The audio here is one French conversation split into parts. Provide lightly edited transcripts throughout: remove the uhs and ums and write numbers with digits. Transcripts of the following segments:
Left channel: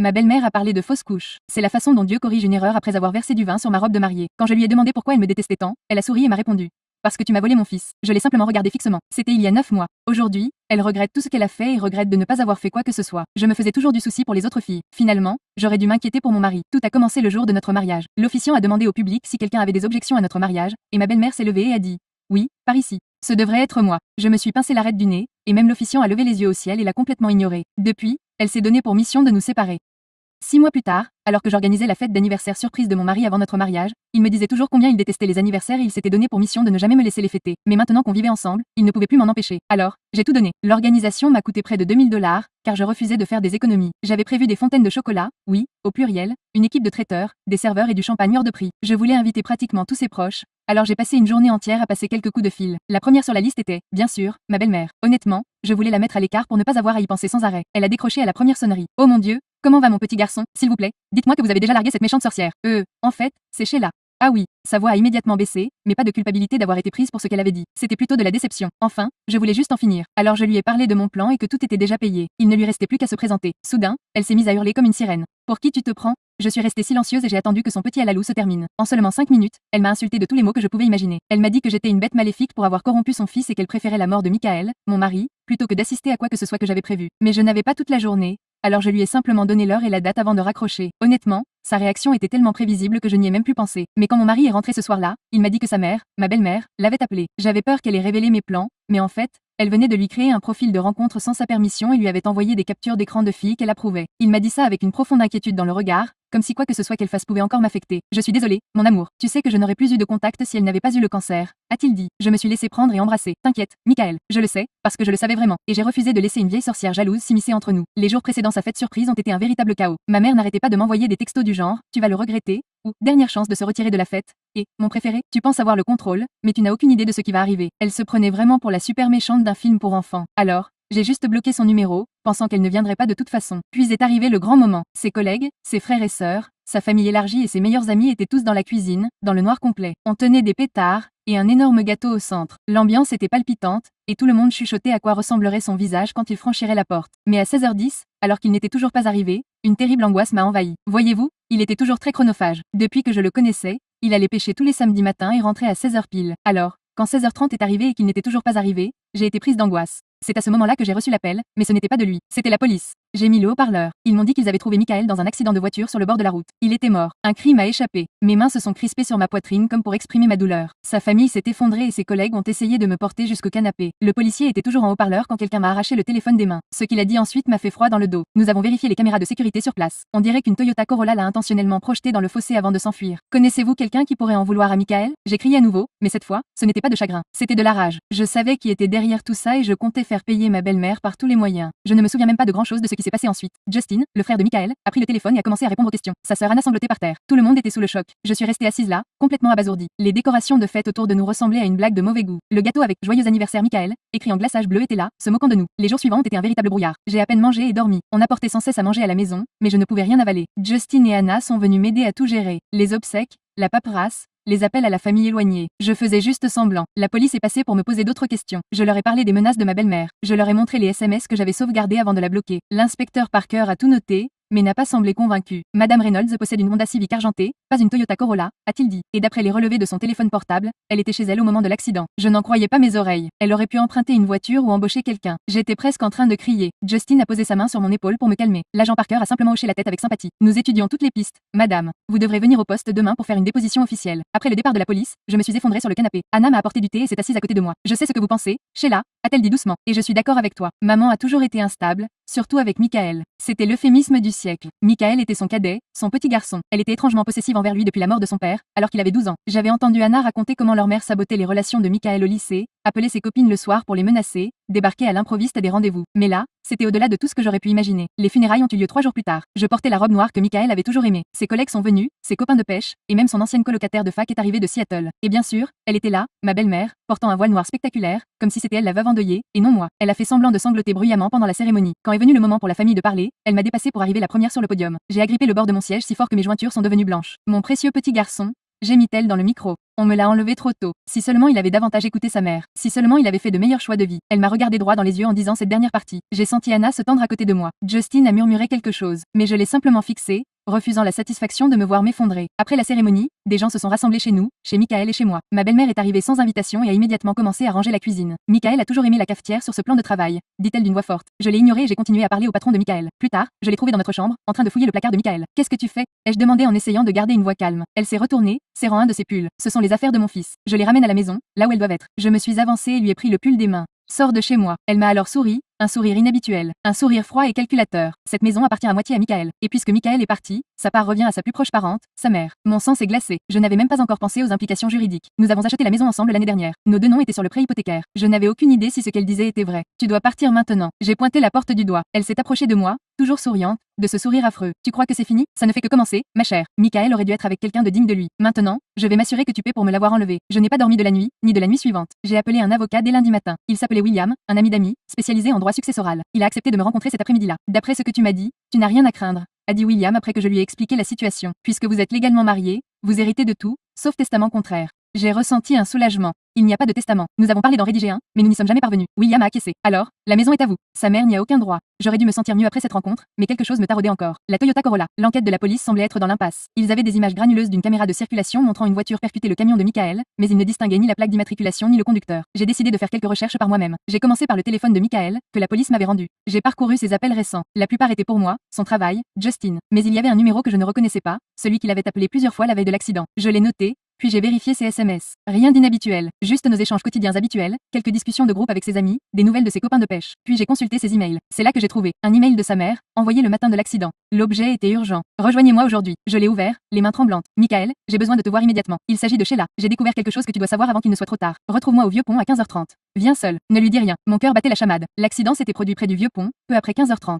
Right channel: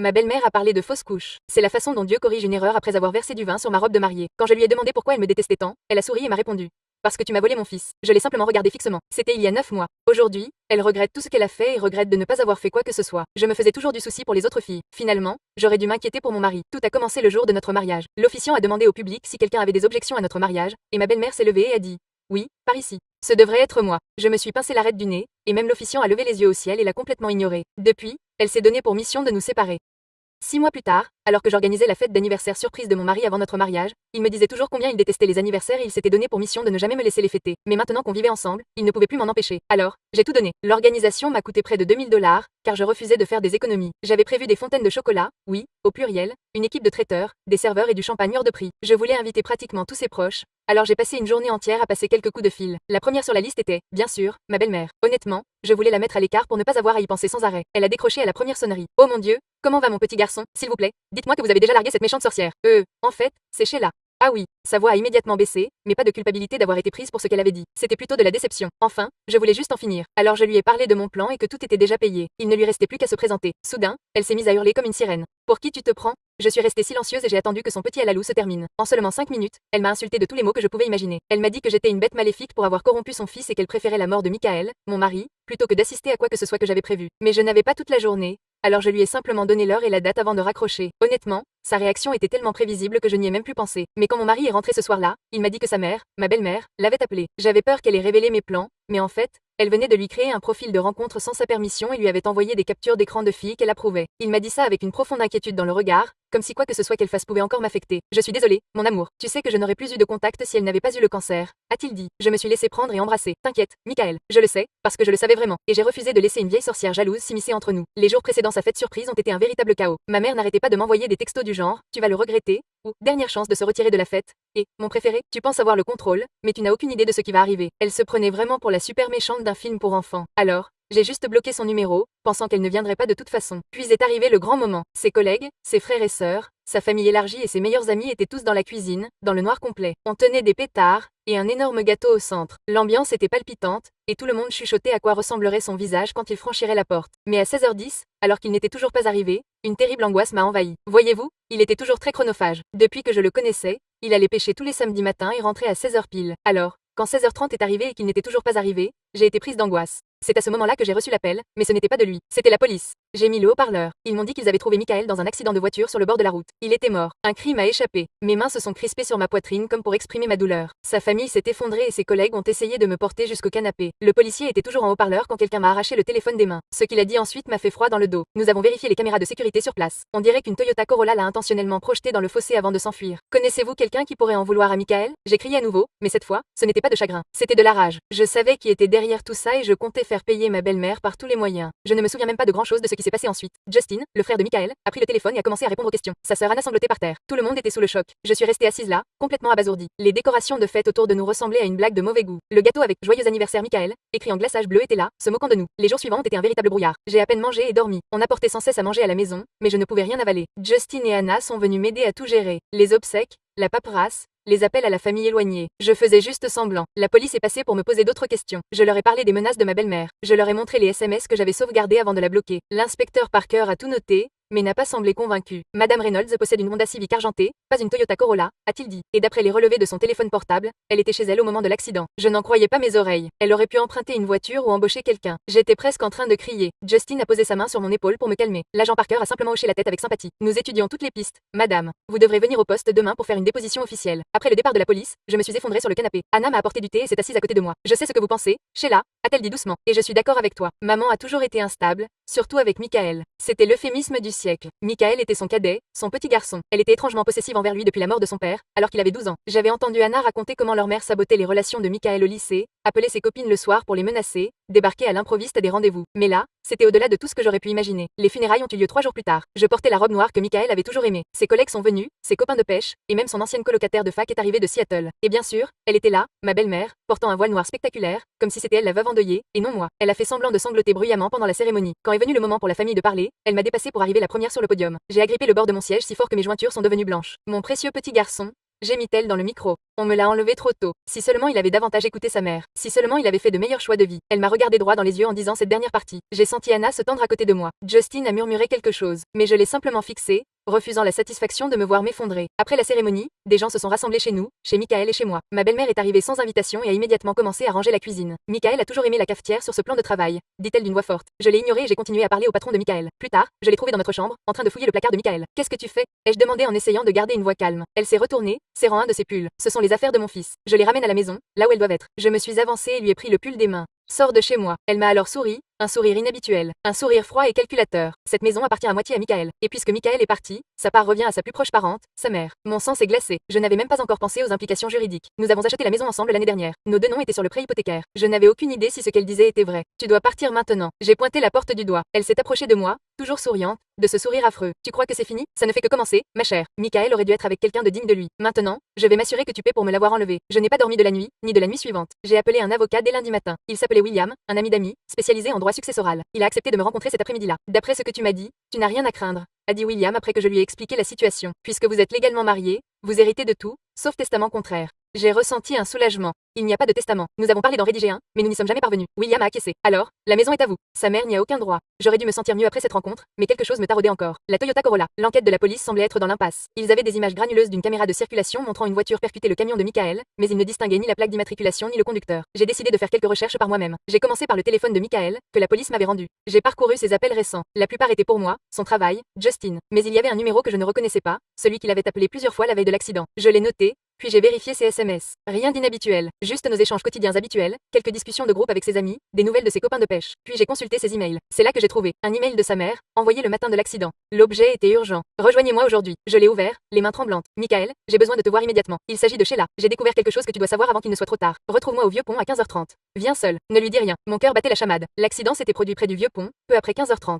Ma belle-mère a parlé de fausse couche. C'est la façon dont Dieu corrige une erreur après avoir versé du vin sur ma robe de mariée. Quand je lui ai demandé pourquoi elle me détestait tant, elle a souri et m'a répondu. Parce que tu m'as volé mon fils. Je l'ai simplement regardé fixement. C'était il y a 9 mois. Aujourd'hui, elle regrette tout ce qu'elle a fait et regrette de ne pas avoir fait quoi que ce soit. Je me faisais toujours du souci pour les autres filles. Finalement, j'aurais dû m'inquiéter pour mon mari. Tout a commencé le jour de notre mariage. L'officiant a demandé au public si quelqu'un avait des objections à notre mariage, et ma belle-mère s'est levée et a dit oui, par ici. Ce devrait être moi. Je me suis pincé l'arête du nez, et même l'officiant a levé les yeux au ciel et l'a complètement ignoré. Depuis, elle s'est donnée pour mission de nous séparer. 6 mois plus tard, alors que j'organisais la fête d'anniversaire surprise de mon mari avant notre mariage, il me disait toujours combien il détestait les anniversaires et il s'était donné pour mission de ne jamais me laisser les fêter. Mais maintenant qu'on vivait ensemble, il ne pouvait plus m'en empêcher. Alors, j'ai tout donné. L'organisation m'a coûté près de 2000 $, car je refusais de faire des économies. J'avais prévu des fontaines de chocolat, oui, au pluriel, une équipe de traiteurs, des serveurs et du champagne hors de prix. Je voulais inviter pratiquement tous ses proches. Alors j'ai passé une journée entière à passer quelques coups de fil. La première sur la liste était, bien sûr, ma belle-mère. Honnêtement, je voulais la mettre à l'écart pour ne pas avoir à y penser sans arrêt. Elle a décroché à la première sonnerie. Oh mon Dieu, comment va mon petit garçon, s'il vous plaît? Dites-moi que vous avez déjà largué cette méchante sorcière. En fait, c'est Sheila. Ah oui, sa voix a immédiatement baissé, mais pas de culpabilité d'avoir été prise pour ce qu'elle avait dit. C'était plutôt de la déception. Enfin, je voulais juste en finir. Alors je lui ai parlé de mon plan et que tout était déjà payé. Il ne lui restait plus qu'à se présenter. Soudain, elle s'est mise à hurler comme une sirène. Pour qui tu te prends? Je suis restée silencieuse et j'ai attendu que son petit alalou se termine. En seulement 5 minutes, elle m'a insulté de tous les mots que je pouvais imaginer. Elle m'a dit que j'étais une bête maléfique pour avoir corrompu son fils et qu'elle préférait la mort de Michael, mon mari, plutôt que d'assister à quoi que ce soit que j'avais prévu. Mais je n'avais pas toute la journée, alors je lui ai simplement donné l'heure et la date avant de raccrocher. Honnêtement, sa réaction était tellement prévisible que je n'y ai même plus pensé. Mais quand mon mari est rentré ce soir-là, il m'a dit que sa mère, ma belle-mère, l'avait appelé. J'avais peur qu'elle ait révélé mes plans, mais en fait, elle venait de lui créer un profil de rencontre sans sa permission et lui avait envoyé des captures d'écran de filles qu'elle approuvait. Il m'a dit ça avec une profonde inquiétude dans le regard, comme si quoi que ce soit qu'elle fasse pouvait encore m'affecter. Je suis désolée, mon amour. Tu sais que je n'aurais plus eu de contact si elle n'avait pas eu le cancer, a-t-il dit. Je me suis laissé prendre et embrasser. T'inquiète, Michael, je le sais, parce que je le savais vraiment, et j'ai refusé de laisser une vieille sorcière jalouse s'immiscer entre nous. Les jours précédant sa fête surprise ont été un véritable chaos. Ma mère n'arrêtait pas de m'envoyer des textos du genre, tu vas le regretter, ou dernière chance de se retirer de la fête, et, mon préféré, tu penses avoir le contrôle, mais tu n'as aucune idée de ce qui va arriver. Elle se prenait vraiment pour la super méchante d'un film pour enfants. Alors, j'ai juste bloqué son numéro, pensant qu'elle ne viendrait pas de toute façon. Puis est arrivé le grand moment. Ses collègues, ses frères et sœurs, sa famille élargie et ses meilleurs amis étaient tous dans la cuisine, dans le noir complet. On tenait des pétards, et un énorme gâteau au centre. L'ambiance était palpitante, et tout le monde chuchotait à quoi ressemblerait son visage quand il franchirait la porte. Mais à 16h10, alors qu'il n'était toujours pas arrivé, une terrible angoisse m'a envahi. Voyez-vous, il était toujours très chronophage. Depuis que je le connaissais, il allait pêcher tous les samedis matins et rentrait à 16h pile. Alors, quand 16h30 est arrivé et qu'il n'était toujours pas arrivé, j'ai été prise d'angoisse. C'est à ce moment-là que j'ai reçu l'appel, mais ce n'était pas de lui, c'était la police. J'ai mis le haut-parleur. Ils m'ont dit qu'ils avaient trouvé Michael dans un accident de voiture sur le bord de la route. Il était mort. Un cri m'a échappé. Mes mains se sont crispées sur ma poitrine comme pour exprimer ma douleur. Sa famille s'est effondrée et ses collègues ont essayé de me porter jusqu'au canapé. Le policier était toujours en haut-parleur quand quelqu'un m'a arraché le téléphone des mains. Ce qu'il a dit ensuite m'a fait froid dans le dos. Nous avons vérifié les caméras de sécurité sur place. On dirait qu'une Toyota Corolla l'a intentionnellement projeté dans le fossé avant de s'enfuir. Connaissez-vous quelqu'un qui pourrait en vouloir à Michael? J'ai crié à nouveau, mais cette fois, ce n'était pas de chagrin. C'était de la rage. Je savais qui était derrière tout ça et je comptais faire payer ma belle-mère par tous les moyens. Je ne me souviens même pas de grand-chose de ce qui s'est passé ensuite. Justin, le frère de Michael, a pris le téléphone et a commencé à répondre aux questions. Sa sœur Anna sanglotait par terre. Tout le monde était sous le choc. Je suis restée assise là, complètement abasourdie. Les décorations de fête autour de nous ressemblaient à une blague de mauvais goût. Le gâteau avec joyeux anniversaire Michael, écrit en glaçage bleu était là, se moquant de nous. Les jours suivants ont été un véritable brouillard. J'ai à peine mangé et dormi. On apportait sans cesse à manger à la maison, mais je ne pouvais rien avaler. Justin et Anna sont venus m'aider à tout gérer. Les obsèques, la paperasse, les appels à la famille éloignée. Je faisais juste semblant. La police est passée pour me poser d'autres questions. Je leur ai parlé des menaces de ma belle-mère. Je leur ai montré les SMS que j'avais sauvegardés avant de la bloquer. L'inspecteur Parker a tout noté, mais n'a pas semblé convaincu. Madame Reynolds possède une Honda Civic argentée, pas une Toyota Corolla, a-t-il dit. Et d'après les relevés de son téléphone portable, elle était chez elle au moment de l'accident. Je n'en croyais pas mes oreilles. Elle aurait pu emprunter une voiture ou embaucher quelqu'un. J'étais presque en train de crier. Justin a posé sa main sur mon épaule pour me calmer. L'agent Parker a simplement hoché la tête avec sympathie. Nous étudions toutes les pistes. Madame, vous devrez venir au poste demain pour faire une déposition officielle. Après le départ de la police, je me suis effondrée sur le canapé. Anna m'a apporté du thé et s'est assise à côté de moi. Je sais ce que vous pensez, Sheila, a-t-elle dit doucement. Et je suis d'accord avec toi. Maman a toujours été instable, surtout avec Michael. C'était l'euphémisme du siècle. Michael était son cadet, son petit garçon. Elle était étrangement possessive envers lui depuis la mort de son père, alors qu'il avait 12 ans. J'avais entendu Anna raconter comment leur mère sabotait les relations de Michael au lycée, appelait ses copines le soir pour les menacer, débarquait à l'improviste à des rendez-vous. Mais là, c'était au-delà de tout ce que j'aurais pu imaginer. Les funérailles ont eu lieu 3 jours plus tard. Je portais la robe noire que Michael avait toujours aimée. Ses collègues sont venus, ses copains de pêche, et même son ancienne colocataire de fac est arrivée de Seattle. Et bien sûr, elle était là, ma belle-mère, portant un voile noir spectaculaire, comme si c'était elle la veuve endeuillée, et non moi. Elle a fait semblant de sangloter bruyamment pendant la cérémonie. Quand est venu le moment pour la famille de parler, elle m'a dépassée pour arriver la première sur le podium. J'ai agrippé le bord de mon siège si fort que mes jointures sont devenues blanches. Mon précieux petit garçon, gémit-elle dans le micro. On me l'a enlevé trop tôt. Si seulement il avait davantage écouté sa mère. Si seulement il avait fait de meilleurs choix de vie. Elle m'a regardé droit dans les yeux en disant cette dernière partie. J'ai senti Anna se tendre à côté de moi. Justin a murmuré quelque chose, mais je l'ai simplement fixé, refusant la satisfaction de me voir m'effondrer. Après la cérémonie, des gens se sont rassemblés chez nous, chez Michael et chez moi. Ma belle-mère est arrivée sans invitation et a immédiatement commencé à ranger la cuisine. Michael a toujours aimé la cafetière sur ce plan de travail, dit-elle d'une voix forte. Je l'ai ignoré et j'ai continué à parler au patron de Michael. Plus tard, je l'ai trouvé dans notre chambre, en train de fouiller le placard de Michael. Qu'est-ce que tu fais? Ai-je demandé en essayant de garder une voix calme. Elle s'est retournée, serrant un de ses pulls. Ce sont les affaires de mon fils. Je les ramène à la maison, là où elles doivent être. Je me suis avancée et lui ai pris le pull des mains. Sors de chez moi. Elle m'a alors souri, un sourire inhabituel, un sourire froid et calculateur. Cette maison appartient à moitié à Michael. Et puisque Michael est parti, sa part revient à sa plus proche parente, sa mère. Mon sang s'est glacé. Je n'avais même pas encore pensé aux implications juridiques. Nous avons acheté la maison ensemble l'année dernière. Nos deux noms étaient sur le prêt hypothécaire. Je n'avais aucune idée si ce qu'elle disait était vrai. Tu dois partir maintenant. J'ai pointé la porte du doigt. Elle s'est approchée de moi, toujours souriante, de ce sourire affreux. Tu crois que c'est fini? Ça ne fait que commencer, ma chère. Michael aurait dû être avec quelqu'un de digne de lui. Maintenant, je vais m'assurer que tu paies pour me l'avoir enlevé. Je n'ai pas dormi de la nuit, ni de la nuit suivante. J'ai appelé un avocat dès lundi matin. Il s'appelait William, un ami d'amis, spécialisé en droit successoral. Il a accepté de me rencontrer cet après-midi-là. D'après ce que tu m'as dit, tu n'as rien à craindre, a dit William après que je lui ai expliqué la situation. Puisque vous êtes légalement mariés, vous héritez de tout, sauf testament contraire. J'ai ressenti un soulagement. Il n'y a pas de testament. Nous avons parlé d'en rédiger un, mais nous n'y sommes jamais parvenus. William a acquiescé. Alors, la maison est à vous. Sa mère n'y a aucun droit. J'aurais dû me sentir mieux après cette rencontre, mais quelque chose me taraudait encore. La Toyota Corolla. L'enquête de la police semblait être dans l'impasse. Ils avaient des images granuleuses d'une caméra de circulation montrant une voiture percuter le camion de Michael, mais ils ne distinguaient ni la plaque d'immatriculation ni le conducteur. J'ai décidé de faire quelques recherches par moi-même. J'ai commencé par le téléphone de Michael, que la police m'avait rendu. J'ai parcouru ses appels récents. La plupart étaient pour moi, son travail, Justin. Mais il y avait un numéro que je ne reconnaissais pas, celui qu'il avait appelé plusieurs fois la veille de l'accident. Je l'ai noté, puis j'ai vérifié ses SMS. Rien d'inhabituel, juste nos échanges quotidiens habituels, quelques discussions de groupe avec ses amis, des nouvelles de ses copains de pêche. Puis j'ai consulté ses emails. C'est là que j'ai trouvé un email de sa mère, envoyé le matin de l'accident. L'objet était urgent. Rejoignez-moi aujourd'hui. Je l'ai ouvert, les mains tremblantes. Michael, j'ai besoin de te voir immédiatement. Il s'agit de Sheila. J'ai découvert quelque chose que tu dois savoir avant qu'il ne soit trop tard. Retrouve-moi au vieux pont à 15h30. Viens seul. Ne lui dis rien. Mon cœur battait la chamade. L'accident s'était produit près du vieux pont, peu après 15h30.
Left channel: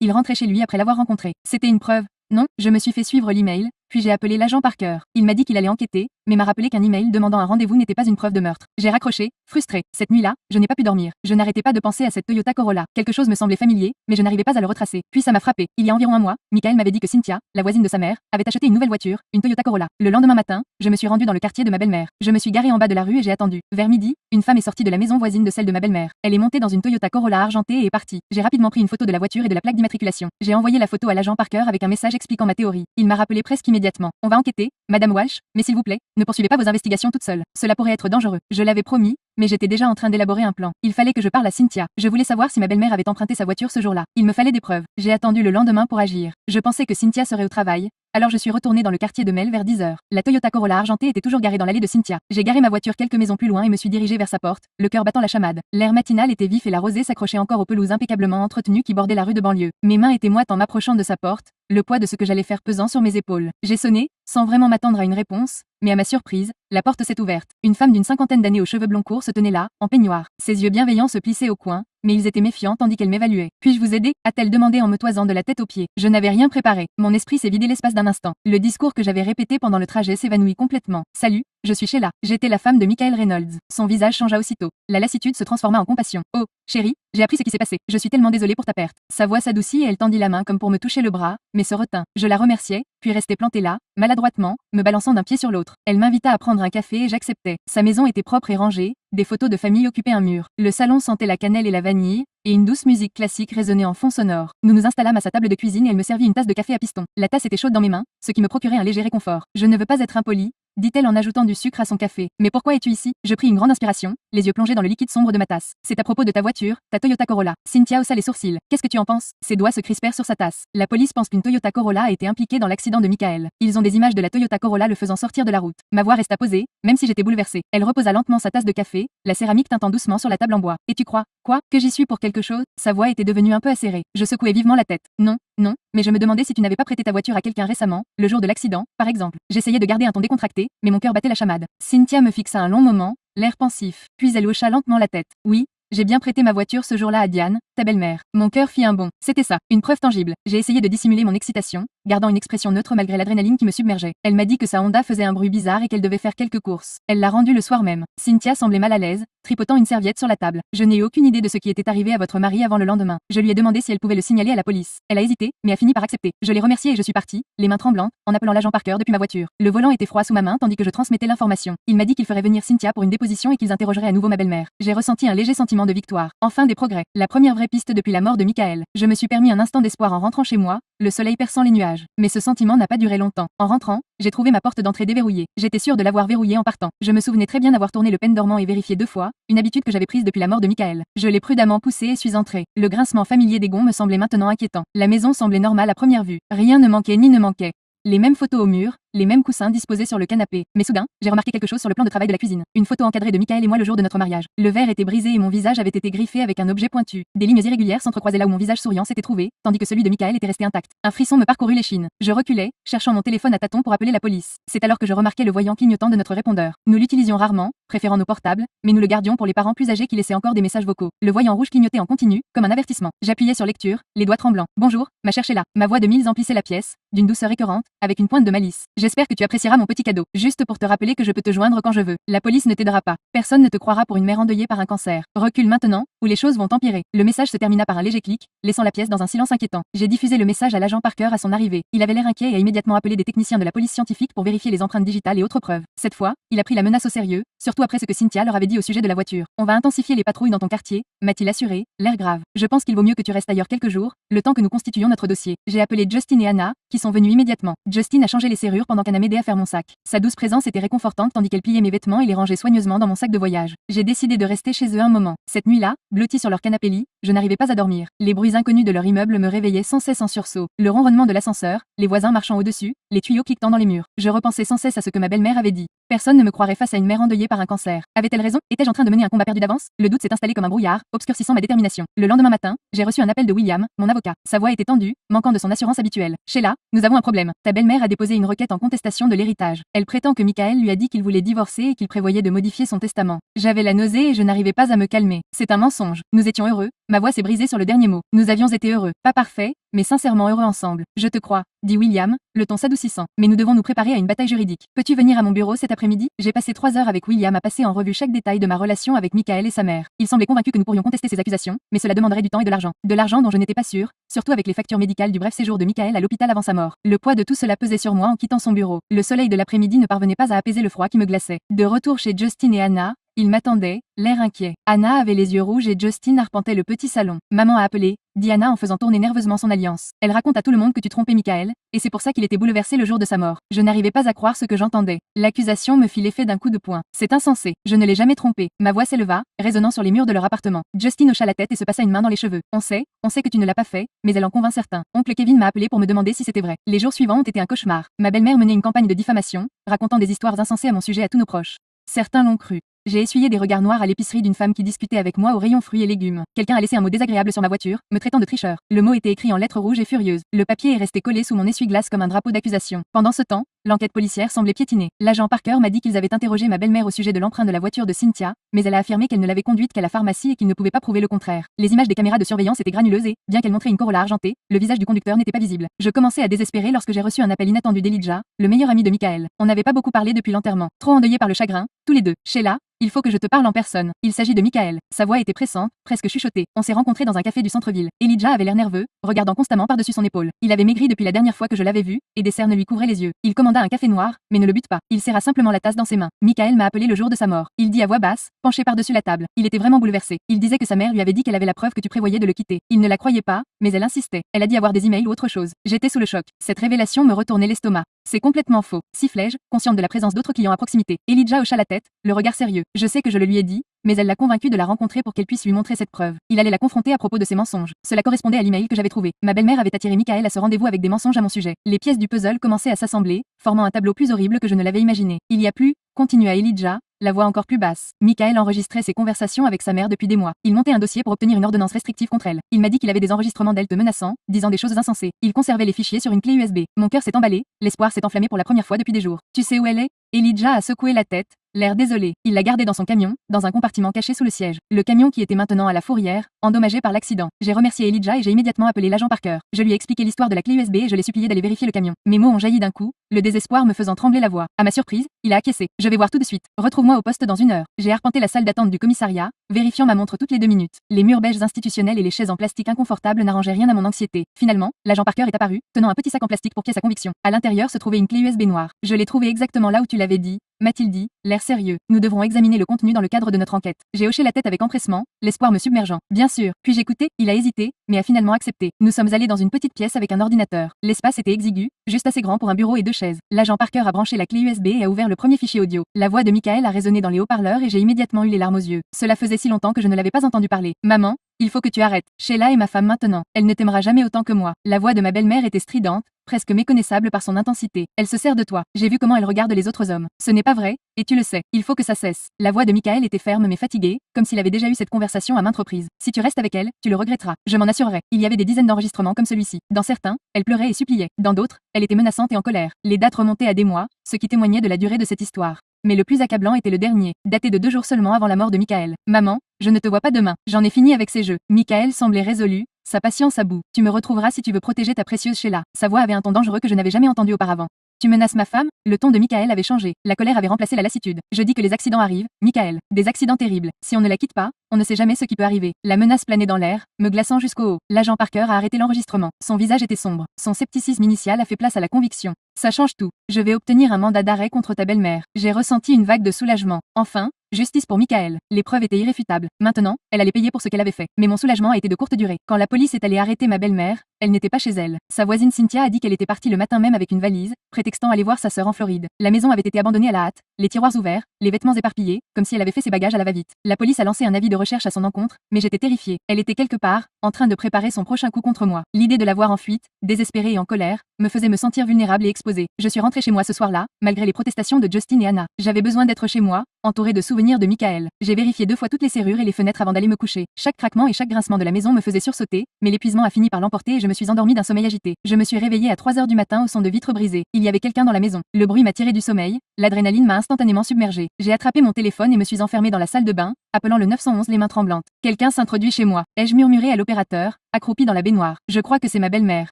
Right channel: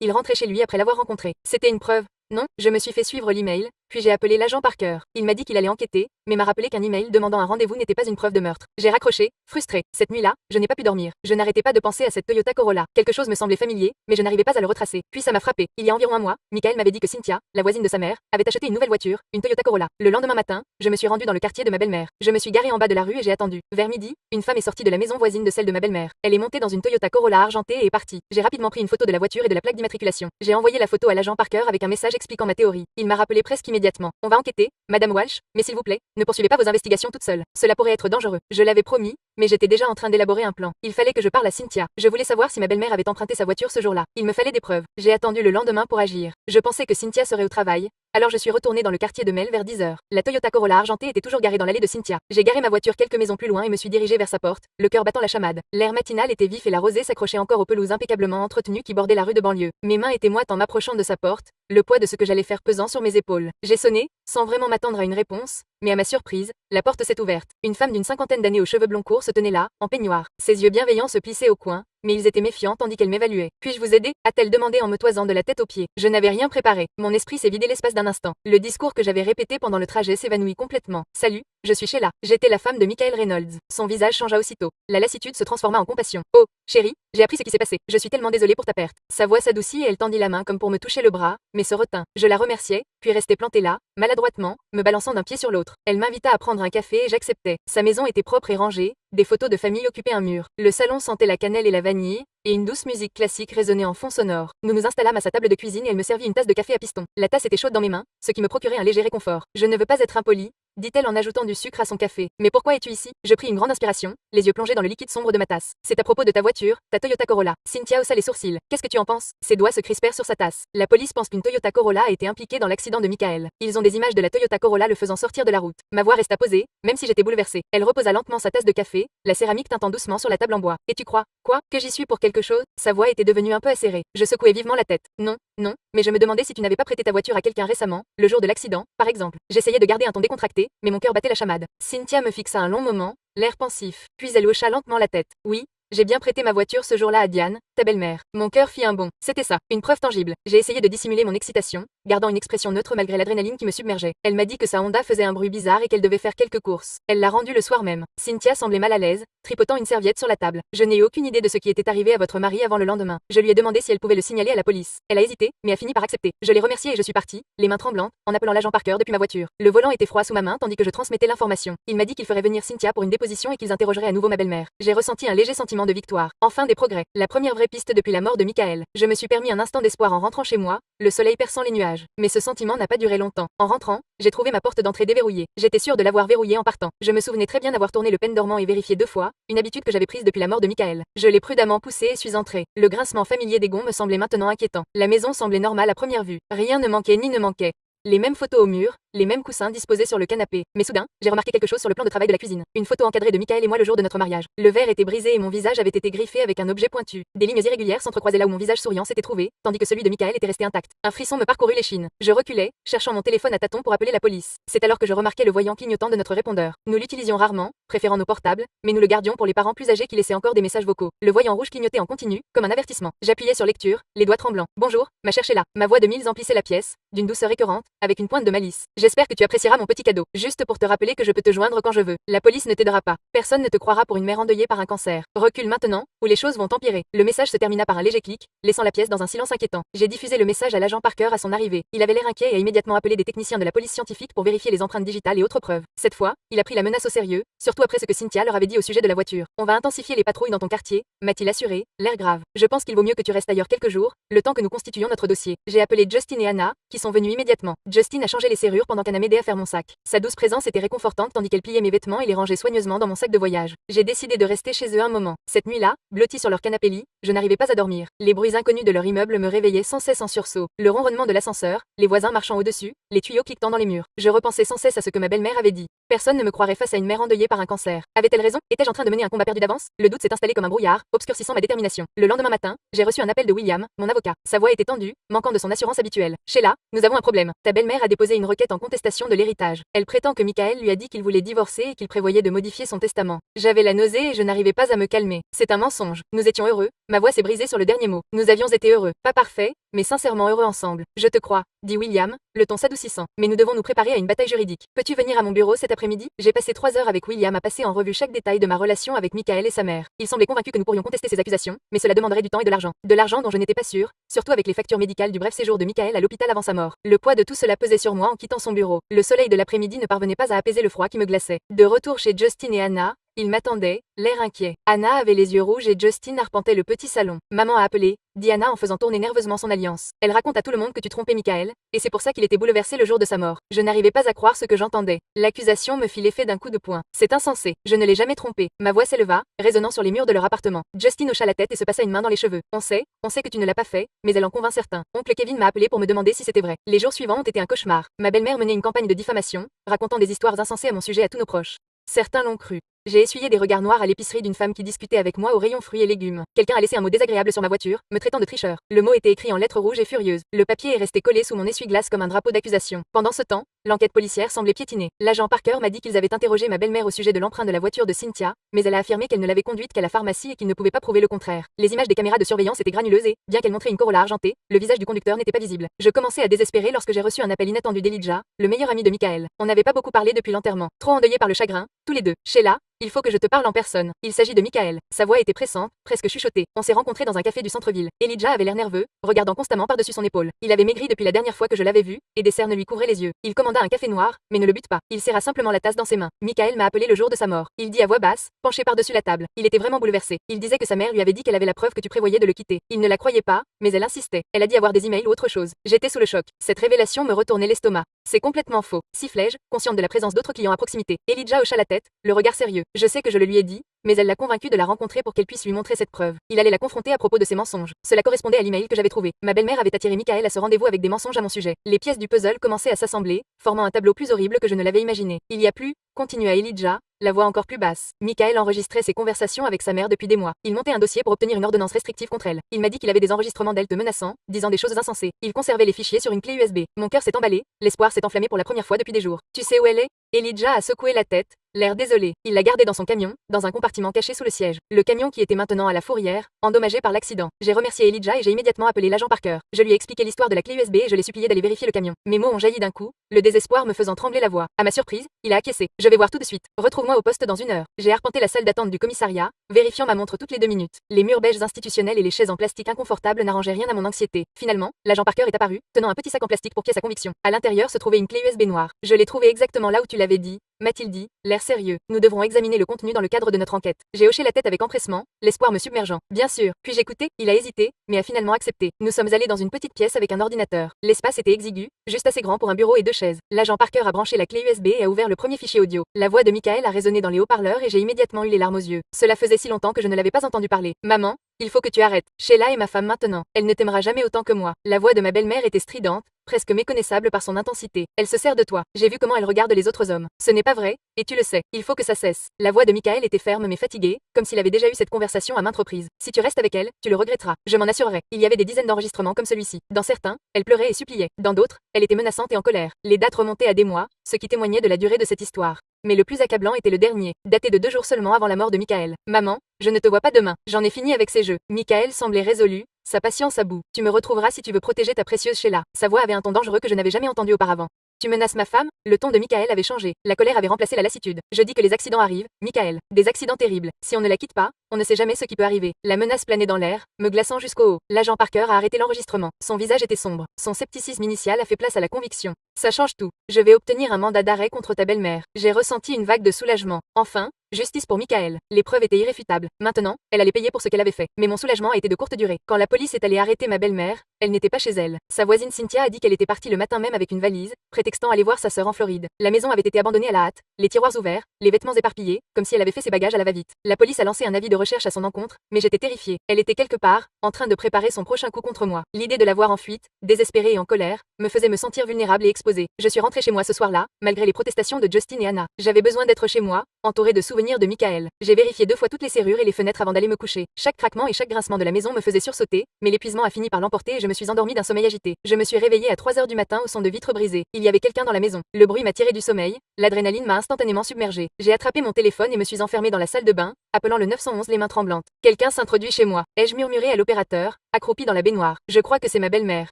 Il rentrait chez lui après l'avoir rencontré. C'était une preuve. Non, je me suis fait suivre l'email, puis j'ai appelé l'agent Parker. Il m'a dit qu'il allait enquêter, mais m'a rappelé qu'un email demandant un rendez-vous n'était pas une preuve de meurtre. J'ai raccroché, frustré. Cette nuit-là, je n'ai pas pu dormir. Je n'arrêtais pas de penser à cette Toyota Corolla. Quelque chose me semblait familier, mais je n'arrivais pas à le retracer. Puis ça m'a frappé. Il y a environ un mois, Michael m'avait dit que Cynthia, la voisine de sa mère, avait acheté une nouvelle voiture, une Toyota Corolla. Le lendemain matin, je me suis rendu dans le quartier de ma belle-mère. Je me suis garé en bas de la rue et j'ai attendu. Vers midi, une femme est sortie de la maison voisine de celle de ma belle-mère. Elle est montée dans une Toyota Corolla argentée et est partie. J'ai rapidement pris une photo de la voiture et de la plaque d'immatriculation. J'ai envoyé la photo à l'agent Parker avec un message expliquant ma théorie. Il m'a rappelé presque immédiatement. On va enquêter, Madame Walsh, mais s'il vous plaît, ne poursuivez pas vos investigations toute seule. Cela pourrait être dangereux. Je l'avais promis, mais j'étais déjà en train d'élaborer un plan. Il fallait que je parle à Cynthia. Je voulais savoir si ma belle-mère avait emprunté sa voiture ce jour-là. Il me fallait des preuves. J'ai attendu le lendemain pour agir. Je pensais que Cynthia serait au travail, alors je suis retournée dans le quartier de Mel vers 10h. La Toyota Corolla argentée était toujours garée dans l'allée de Cynthia. J'ai garé ma voiture quelques maisons plus loin et me suis dirigée vers sa porte, le cœur battant la chamade. L'air matinal était vif et la rosée s'accrochait encore aux pelouses impeccablement entretenues qui bordaient la rue de banlieue. Mes mains étaient moites en m'approchant de sa porte, le poids de ce que j'allais faire pesant sur mes épaules. J'ai sonné, sans vraiment m'attendre à une réponse, mais à ma surprise, la porte s'est ouverte. Une femme d'une cinquantaine d'années aux cheveux blonds courts se tenait là, en peignoir. Ses yeux bienveillants se plissaient au coin, mais ils étaient méfiants tandis qu'elle m'évaluait. Puis-je vous aider? A-t-elle demandé en me toisant de la tête aux pieds. Je n'avais rien préparé. Mon esprit s'est vidé l'espace d'un instant. Le discours que j'avais répété pendant le trajet s'évanouit complètement. Salut, je suis Sheila. J'étais la femme de Michael Reynolds. Son visage changea aussitôt. La lassitude se transforma en compassion. Oh, chérie, j'ai appris ce qui s'est passé. Je suis tellement désolée pour ta perte. Sa voix s'adoucit et elle tendit la main comme pour me toucher le bras, mais se retint. Je la remerciai, puis restai plantée là, maladroitement, me balançant d'un pied sur l'autre. Elle m'invita à prendre un café et j'acceptai. Sa maison était propre et rangée, des photos de famille occupaient un mur. Le salon sentait la cannelle et la vanille, et une douce musique classique résonnait en fond sonore. Nous nous installâmes à sa table de cuisine et elle me servit une tasse de café à piston. La tasse était chaude dans mes mains, ce qui me procurait un léger réconfort. Je ne veux pas être impolie, dit-elle en ajoutant du sucre à son café. Mais pourquoi es-tu ici? Je pris une grande inspiration, les yeux plongés dans le liquide sombre de ma tasse. C'est à propos de ta voiture, ta Toyota Corolla. Cynthia haussa les sourcils. Qu'est-ce que tu en penses? Ses doigts se crispèrent sur sa tasse. La police pense qu'une Toyota Corolla a été impliquée dans l'accident de Michael. Ils ont des images de la Toyota Corolla le faisant sortir de la route. Ma voix resta posée, même si j'étais bouleversée. Elle reposa lentement sa tasse de café, la céramique tintant doucement sur la table en bois. Et tu crois, quoi, que j'y suis pour quelque chose? Sa voix était devenue un peu acérée. Je secouai vivement la tête. Non, non, mais je me demandais si tu n'avais pas prêté ta voiture à quelqu'un récemment, le jour de l'accident, par exemple. J'essayais de garder un ton décontracté, mais mon cœur battait la chamade. Cynthia me fixa un long moment, l'air pensif, puis elle hocha lentement la tête. Oui, J'ai bien prêté ma voiture ce jour-là à Diane, ta belle-mère. Mon cœur fit un bond. C'était ça, une preuve tangible. J'ai essayé de dissimuler mon excitation, gardant une expression neutre malgré l'adrénaline qui me submergeait. Elle m'a dit que sa Honda faisait un bruit bizarre et qu'elle devait faire quelques courses. Elle l'a rendu le soir même. Cynthia semblait mal à l'aise, tripotant une serviette sur la table. Je n'ai eu aucune idée de ce qui était arrivé à votre mari avant le lendemain. Je lui ai demandé si elle pouvait le signaler à la police. Elle a hésité, mais a fini par accepter. Je l'ai remerciée et je suis partie, les mains tremblantes, en appelant l'agent Parker depuis ma voiture. Le volant était froid sous ma main tandis que je transmettais l'information. Il m'a dit qu'il ferait venir Cynthia pour une déposition et qu'ils interrogeraient à nouveau ma belle-mère. J'ai ressenti un léger sentiment de victoire. Enfin des progrès. La première vraie piste depuis la mort de Michael. Je me suis permis un instant d'espoir en rentrant chez moi, le soleil perçant les nuages. Mais ce sentiment n'a pas duré longtemps. En rentrant, j'ai trouvé ma porte d'entrée déverrouillée. J'étais sûre de l'avoir verrouillée en partant. Je me souvenais très bien d'avoir tourné le pendormant et vérifié 2 fois, une habitude que j'avais prise depuis la mort de Michael. Je l'ai prudemment poussé et suis entrée. Le grincement familier des gonds me semblait maintenant inquiétant. La maison semblait normale à première vue. Rien ne manquait ni ne manquait. Les mêmes photos au mur, les mêmes coussins disposés sur le canapé. Mais soudain, j'ai remarqué quelque chose sur le plan de travail de la cuisine. Une photo encadrée de Michael et moi le jour de notre mariage. Le verre était brisé et mon visage avait été griffé avec un objet pointu. Des lignes irrégulières s'entrecroisaient là où mon visage souriant s'était trouvé, tandis que celui de Michael était resté intact. Un frisson me parcourut l'échine. Je reculai, cherchant mon téléphone à tâtons pour appeler la police. C'est alors que je remarquai le voyant clignotant de notre répondeur. Nous l'utilisions rarement, préférant nos portables, mais nous le gardions pour les parents plus âgés qui laissaient encore des messages vocaux. Le voyant rouge clignotait en continu, comme un avertissement. J'appuyais sur lecture, les doigts tremblants. Bonjour, ma chère Sheila. Ma voix de Mills emplissait la pièce, d'une douceur écœurante, avec une pointe de malice. J'espère que tu apprécieras mon petit cadeau, juste pour te rappeler que je peux te joindre quand je veux. La police ne t'aidera pas. Personne ne te croira pour une mère endeuillée par un cancer. Recule maintenant, ou les choses vont empirer. Le message se termina par un léger clic, laissant la pièce dans un silence inquiétant. J'ai diffusé le message à l'agent Parker à son arrivée. Il avait l'air inquiet et a immédiatement appelé des techniciens de la police scientifique pour vérifier les empreintes digitales et autres preuves. Cette fois, il a pris la menace au sérieux, surtout après ce que Cynthia leur avait dit au sujet de la voiture. On va intensifier les patrouilles dans ton quartier, m'a-t-il assuré, l'air grave. Je pense qu'il vaut mieux que tu restes ailleurs quelques jours, le temps que nous constituions notre dossier. J'ai appelé Justin et Anna, qui sont venus immédiatement. Justin a changé les serrures pendant qu'Anna m'aidait à faire mon sac. Sa douce présence était réconfortante tandis qu'elle pliait mes vêtements et les rangeait soigneusement dans mon sac de voyage. J'ai décidé de rester chez eux un moment. Cette nuit-là, blottie sur leur canapé-lit, je n'arrivais pas à dormir. Les bruits inconnus de leur immeuble me réveillaient sans cesse en sursaut. Le ronronnement de l'ascenseur, les voisins marchant au-dessus, les tuyaux cliquetant dans les murs. Je repensais sans cesse à ce que ma belle-mère avait dit. Personne ne me croirait face à une mère endeuillée par un cancer. Avait-elle raison? Étais-je en train de mener un combat perdu d'avance? Le doute s'est installé comme un brouillard, obscurcissant ma détermination. Le lendemain matin, j'ai reçu un appel de William, mon avocat. Sa voix était tendue, manquant de son assurance habituelle. Sheila, nous avons un problème. Ta belle-mère a déposé une requête en contestation de l'héritage. Elle prétend que Michael lui a dit qu'il voulait divorcer et qu'il prévoyait de modifier son testament. J'avais la nausée et je n'arrivais pas à me calmer. C'est un mensonge. Nous étions heureux. Ma voix s'est brisée sur le dernier mot. Nous avions été heureux. Pas parfaits, mais sincèrement heureux ensemble. Je te crois, dit William, le ton s'adoucissant. Mais nous devons nous préparer à une bataille juridique. Peux-tu venir à mon bureau cet après-midi? J'ai passé 3 heures avec William à passer en revue chaque détail de ma relation avec Michael et sa mère. Il semblait convaincu que nous pourrions contester ces accusations, mais cela demanderait du temps et de l'argent. De l'argent dont je n'étais pas sûre, surtout avec les factures médicales du bref séjour de Michael à l'hôpital avant sa mort. Le poids de tout cela pesait sur moi en quittant son bureau. Le soleil de l'après-midi ne parvenait pas à apaiser le froid qui me glaçait. De retour chez Justin et Anna, ils m'attendaient, l'air inquiet. Anna avait les yeux rouges et Justin arpentait le petit salon. Maman a appelé, dit Anna en faisant tourner nerveusement son alliance. Elle raconte à tout le monde que tu trompais Michael, et c'est pour ça qu'il était bouleversé le jour de sa mort. Je n'arrivais pas à croire ce que j'entendais. L'accusation me fit l'effet d'un coup de poing. C'est insensé. Je ne l'ai jamais trompé. Ma voix s'éleva, résonnant sur les murs de leur appartement. Justin hocha la tête et se passa une main dans les cheveux. On sait que tu ne l'as pas fait, mais elle en convainc certains. Oncle Kevin m'a appelé pour me demander si c'était vrai. Les jours suivants ont été un cauchemar. Ma belle-mère menait une campagne de diffamation, racontant des histoires insensées à mon sujet à tous nos proches. Certains l'ont cru. J'ai essuyé des regards noirs à l'épicerie d'une femme qui discutait avec moi au rayon fruits et légumes. Quelqu'un a laissé un mot désagréable sur ma voiture, me traitant de tricheur. Le mot était écrit en lettres rouges et furieuses. Le papier est resté collé sous mon essuie-glace comme un drapeau d'accusation. Pendant ce temps, l'enquête policière semblait piétiner. L'agent Parker m'a dit qu'ils avaient interrogé ma belle-mère au sujet de l'empreinte de la voiture de Cynthia, mais elle a affirmé qu'elle ne l'avait conduite qu'à la pharmacie et qu'ils ne pouvaient pas prouver le contraire. Les images des caméras de surveillance étaient granuleuses et, bien qu'elles montraient une Corolla argentée, le visage du conducteur n'était pas visible. Je commençais à désespérer lorsque j'ai reçu un appel inattendu d'Elijah, le meilleur ami de Michael. On n'avait pas beaucoup parlé depuis l'enterrement. Trop endeuillés par le chagrin, tous les deux. Sheila, il faut que je te parle en personne. Il s'agit de Michael. Sa voix était pressante, presque chuchotée. On s'est rencontrés dans un café du centre-ville. Elijah avait l'air nerveux, regardant constamment par-dessus son épaule. Il avait maigri depuis la dernière fois que je l'avais vu, et des cernes lui couvraient les yeux. Il commanda un café noir, mais ne le bute pas. Il serra simplement la tasse dans ses mains. Michael m'a appelé le jour de sa mort. Il dit à voix basse, penché par-dessus la table. Il était vraiment bouleversé. Il disait que sa mère lui avait dit qu'elle avait la preuve que tu prévoyais de le quitter. Il ne la croyait pas, mais elle insistait. Elle a dit avoir des emails ou autre chose. J'étais sous le choc. Cette révélation me retournait l'estomac. C'est complètement faux. Sifflai-je, consciente de la présence d'autres clients à proximité. Elijah hocha la tête, le regard sérieux. Je sais que je le lui ai dit, mais elle l'a convaincu de la rencontrer pour qu'elle puisse lui montrer cette preuve. Il allait la confronter à propos de ses mensonges. Cela correspondait à l'email que j'avais trouvé. Ma belle-mère avait attiré Michael à ce rendez-vous avec des mensonges à mon sujet. Les pièces du puzzle commençaient à s'assembler, formant un tableau plus horrible que je ne l'avais imaginé. Il y a plus, continua Elijah, la voix encore plus basse. Michael enregistrait ses conversations avec sa mère depuis des mois. Il montait un dossier pour obtenir une ordonnance restrictive contre elle. Il m'a dit qu'il avait des enregistrements d'elle te menaçant, disant des choses insensées. Il conservait les fichiers sur une clé USB. Mon cœur s'est emballé, l'espoir s'est enflammé pour la première fois depuis des jours. Tu sais où elle est? Elijah a secoué la tête, l'air désolé. Il l'a gardée dans son camion, dans un compartiment caché sous le siège. Le camion qui était maintenant à la fourrière, endommagé par l'accident. J'ai remercié Elijah et j'ai immédiatement appelé l'agent Parker. Je lui ai expliqué l'histoire de la clé USB et je l'ai supplié d'aller vérifier le camion. Mes mots ont jailli d'un coup, le désespoir me faisant trembler la voix. À ma surprise, il a acquiescé. Je vais voir tout de suite. Retrouve-moi au poste dans 1 heure. J'ai arpenté la salle d'attente du commissariat, vérifiant ma montre toutes les 2 minutes. Les murs beiges institutionnels et les chaises en plastique inconfortables n'arrangeaient rien à mon anxiété. Finalement, l'agent Parker est apparu, tenant un petit sac en plastique pour pièce à conviction. À l'intérieur se trouvait une clé USB noire. Je l'ai trouvée exactement là où tu l'avais dit, m'a-t-il dit, l'air sérieux. Nous devrons examiner le contenu dans le cadre de notre enquête. J'ai hoché la tête avec empressement, l'espoir me submergeant. Bien sûr. Puis-je écouter? Il a hésité, mais a finalement accepté. Nous sommes allés dans une petite pièce avec un ordinateur. L'espace était exigu, juste assez grand pour un bureau et 2 chaises. L'agent Parker a branché la clé USB et a ouvert le premier fichier audio. La voix de Michael a résonné dans les haut-parleurs et j'ai immédiatement eu les larmes aux yeux. Cela faisait si longtemps que je ne l'avais pas entendu parler. Maman, il faut que tu arrêtes. Sheila est ma femme maintenant. Elle ne t'aimera jamais autant que moi. La voix de ma belle-mère était stridente, presque méconnaissable par son intensité. Elle se sert de toi. J'ai vu comment elle regarde les autres hommes. Ce n'est pas vrai, et tu le sais. Il faut que ça cesse. La voix de Michael était ferme mais fatiguée, comme s'il avait déjà eu cette conversation à maintes reprises. Si tu restes avec elle, tu le regretteras. Je m'en assurerai. Il y avait des dizaines d'enregistrements comme celui-ci. Dans certains, elle pleurait et suppliait. Dans d'autres, elle était menaçante et en colère. Les dates remontaient à des mois, ce qui témoignait de la durée de cette histoire. Mais le plus accablant était le dernier, daté de 2 jours seulement avant la mort de Michael. Maman, je ne te vois pas demain. J'en ai fini avec ces jeux. Michael semblait résolu, sa patience à bout. Tu me retrouveras si tu veux protéger ta précieuse Sheila. Sa voix avait un ton dangereux que je n'avais jamais entendu auparavant. Tu menaces ma femme? Le ton de Michael avait changé. La colère avait remplacé la lassitude. Je dis que les accidents arrivent, Michael. Des accidents terribles. Si on ne la quitte pas, on ne sait jamais ce qui peut arriver. La menace planait dans l'air, me glaçant jusqu'au haut. L'agent Parker a arrêté l'enregistrement. Son visage était sombre. Son scepticisme initial a fait place à la conviction. Ça change tout. Je vais obtenir un mandat d'arrêt contre ta belle-mère. J'ai ressenti une vague de soulagement. Enfin, justice pour Michael. Les preuves étaient irréfutables. Maintenant, elle allait payer pour ce qu'elle avait fait. Mais mon soulagement a été de courte durée. Quand la police est allée arrêter ma belle-mère, elle n'était pas chez elle. Sa voisine Cynthia a dit qu'elle était partie le matin même avec une valise, prétextant aller voir sa sœur en Floride. La maison avait été abandonnée à la hâte, les tiroirs ouverts, les vêtements éparpillés, comme si elle avait fait ses bagages à la va-vite. La police a lancé un avis de recherche à son encontre, mais j'étais terrifiée. Elle était quelque part, en train de préparer son prochain coup contre moi. L'idée de la voir en fuite, désespérée et en colère, me faisait me sentir vulnérable et exposée. Je suis rentrée chez moi ce soir-là, malgré les protestations de Justin et Anna. J'avais besoin d'être chez moi, entourée de souvenirs de Michael. J'ai vérifié 2 fois toutes les serrures et les fenêtres avant d'aller me coucher. Chaque craquement et chaque grincement de la maison me faisait sursauter, mais l'épuisement a fini par l'emporter et je me suis endormie d'un sommeil agité. Je me suis réveillée à 3 heures du matin au son de vitres brisées. Il y avait quelqu'un dans la maison. Le bruit m'a tiré du sommeil, l'adrénaline m'a instantanément submergée. J'ai attrapé mon téléphone et me suis enfermée dans la salle de bain, appelant le 911 les mains tremblantes. Quelqu'un s'introduit chez moi. Ai-je murmuré à l'opérateur, accroupi dans la baignoire. Je crois que c'est ma belle-mère.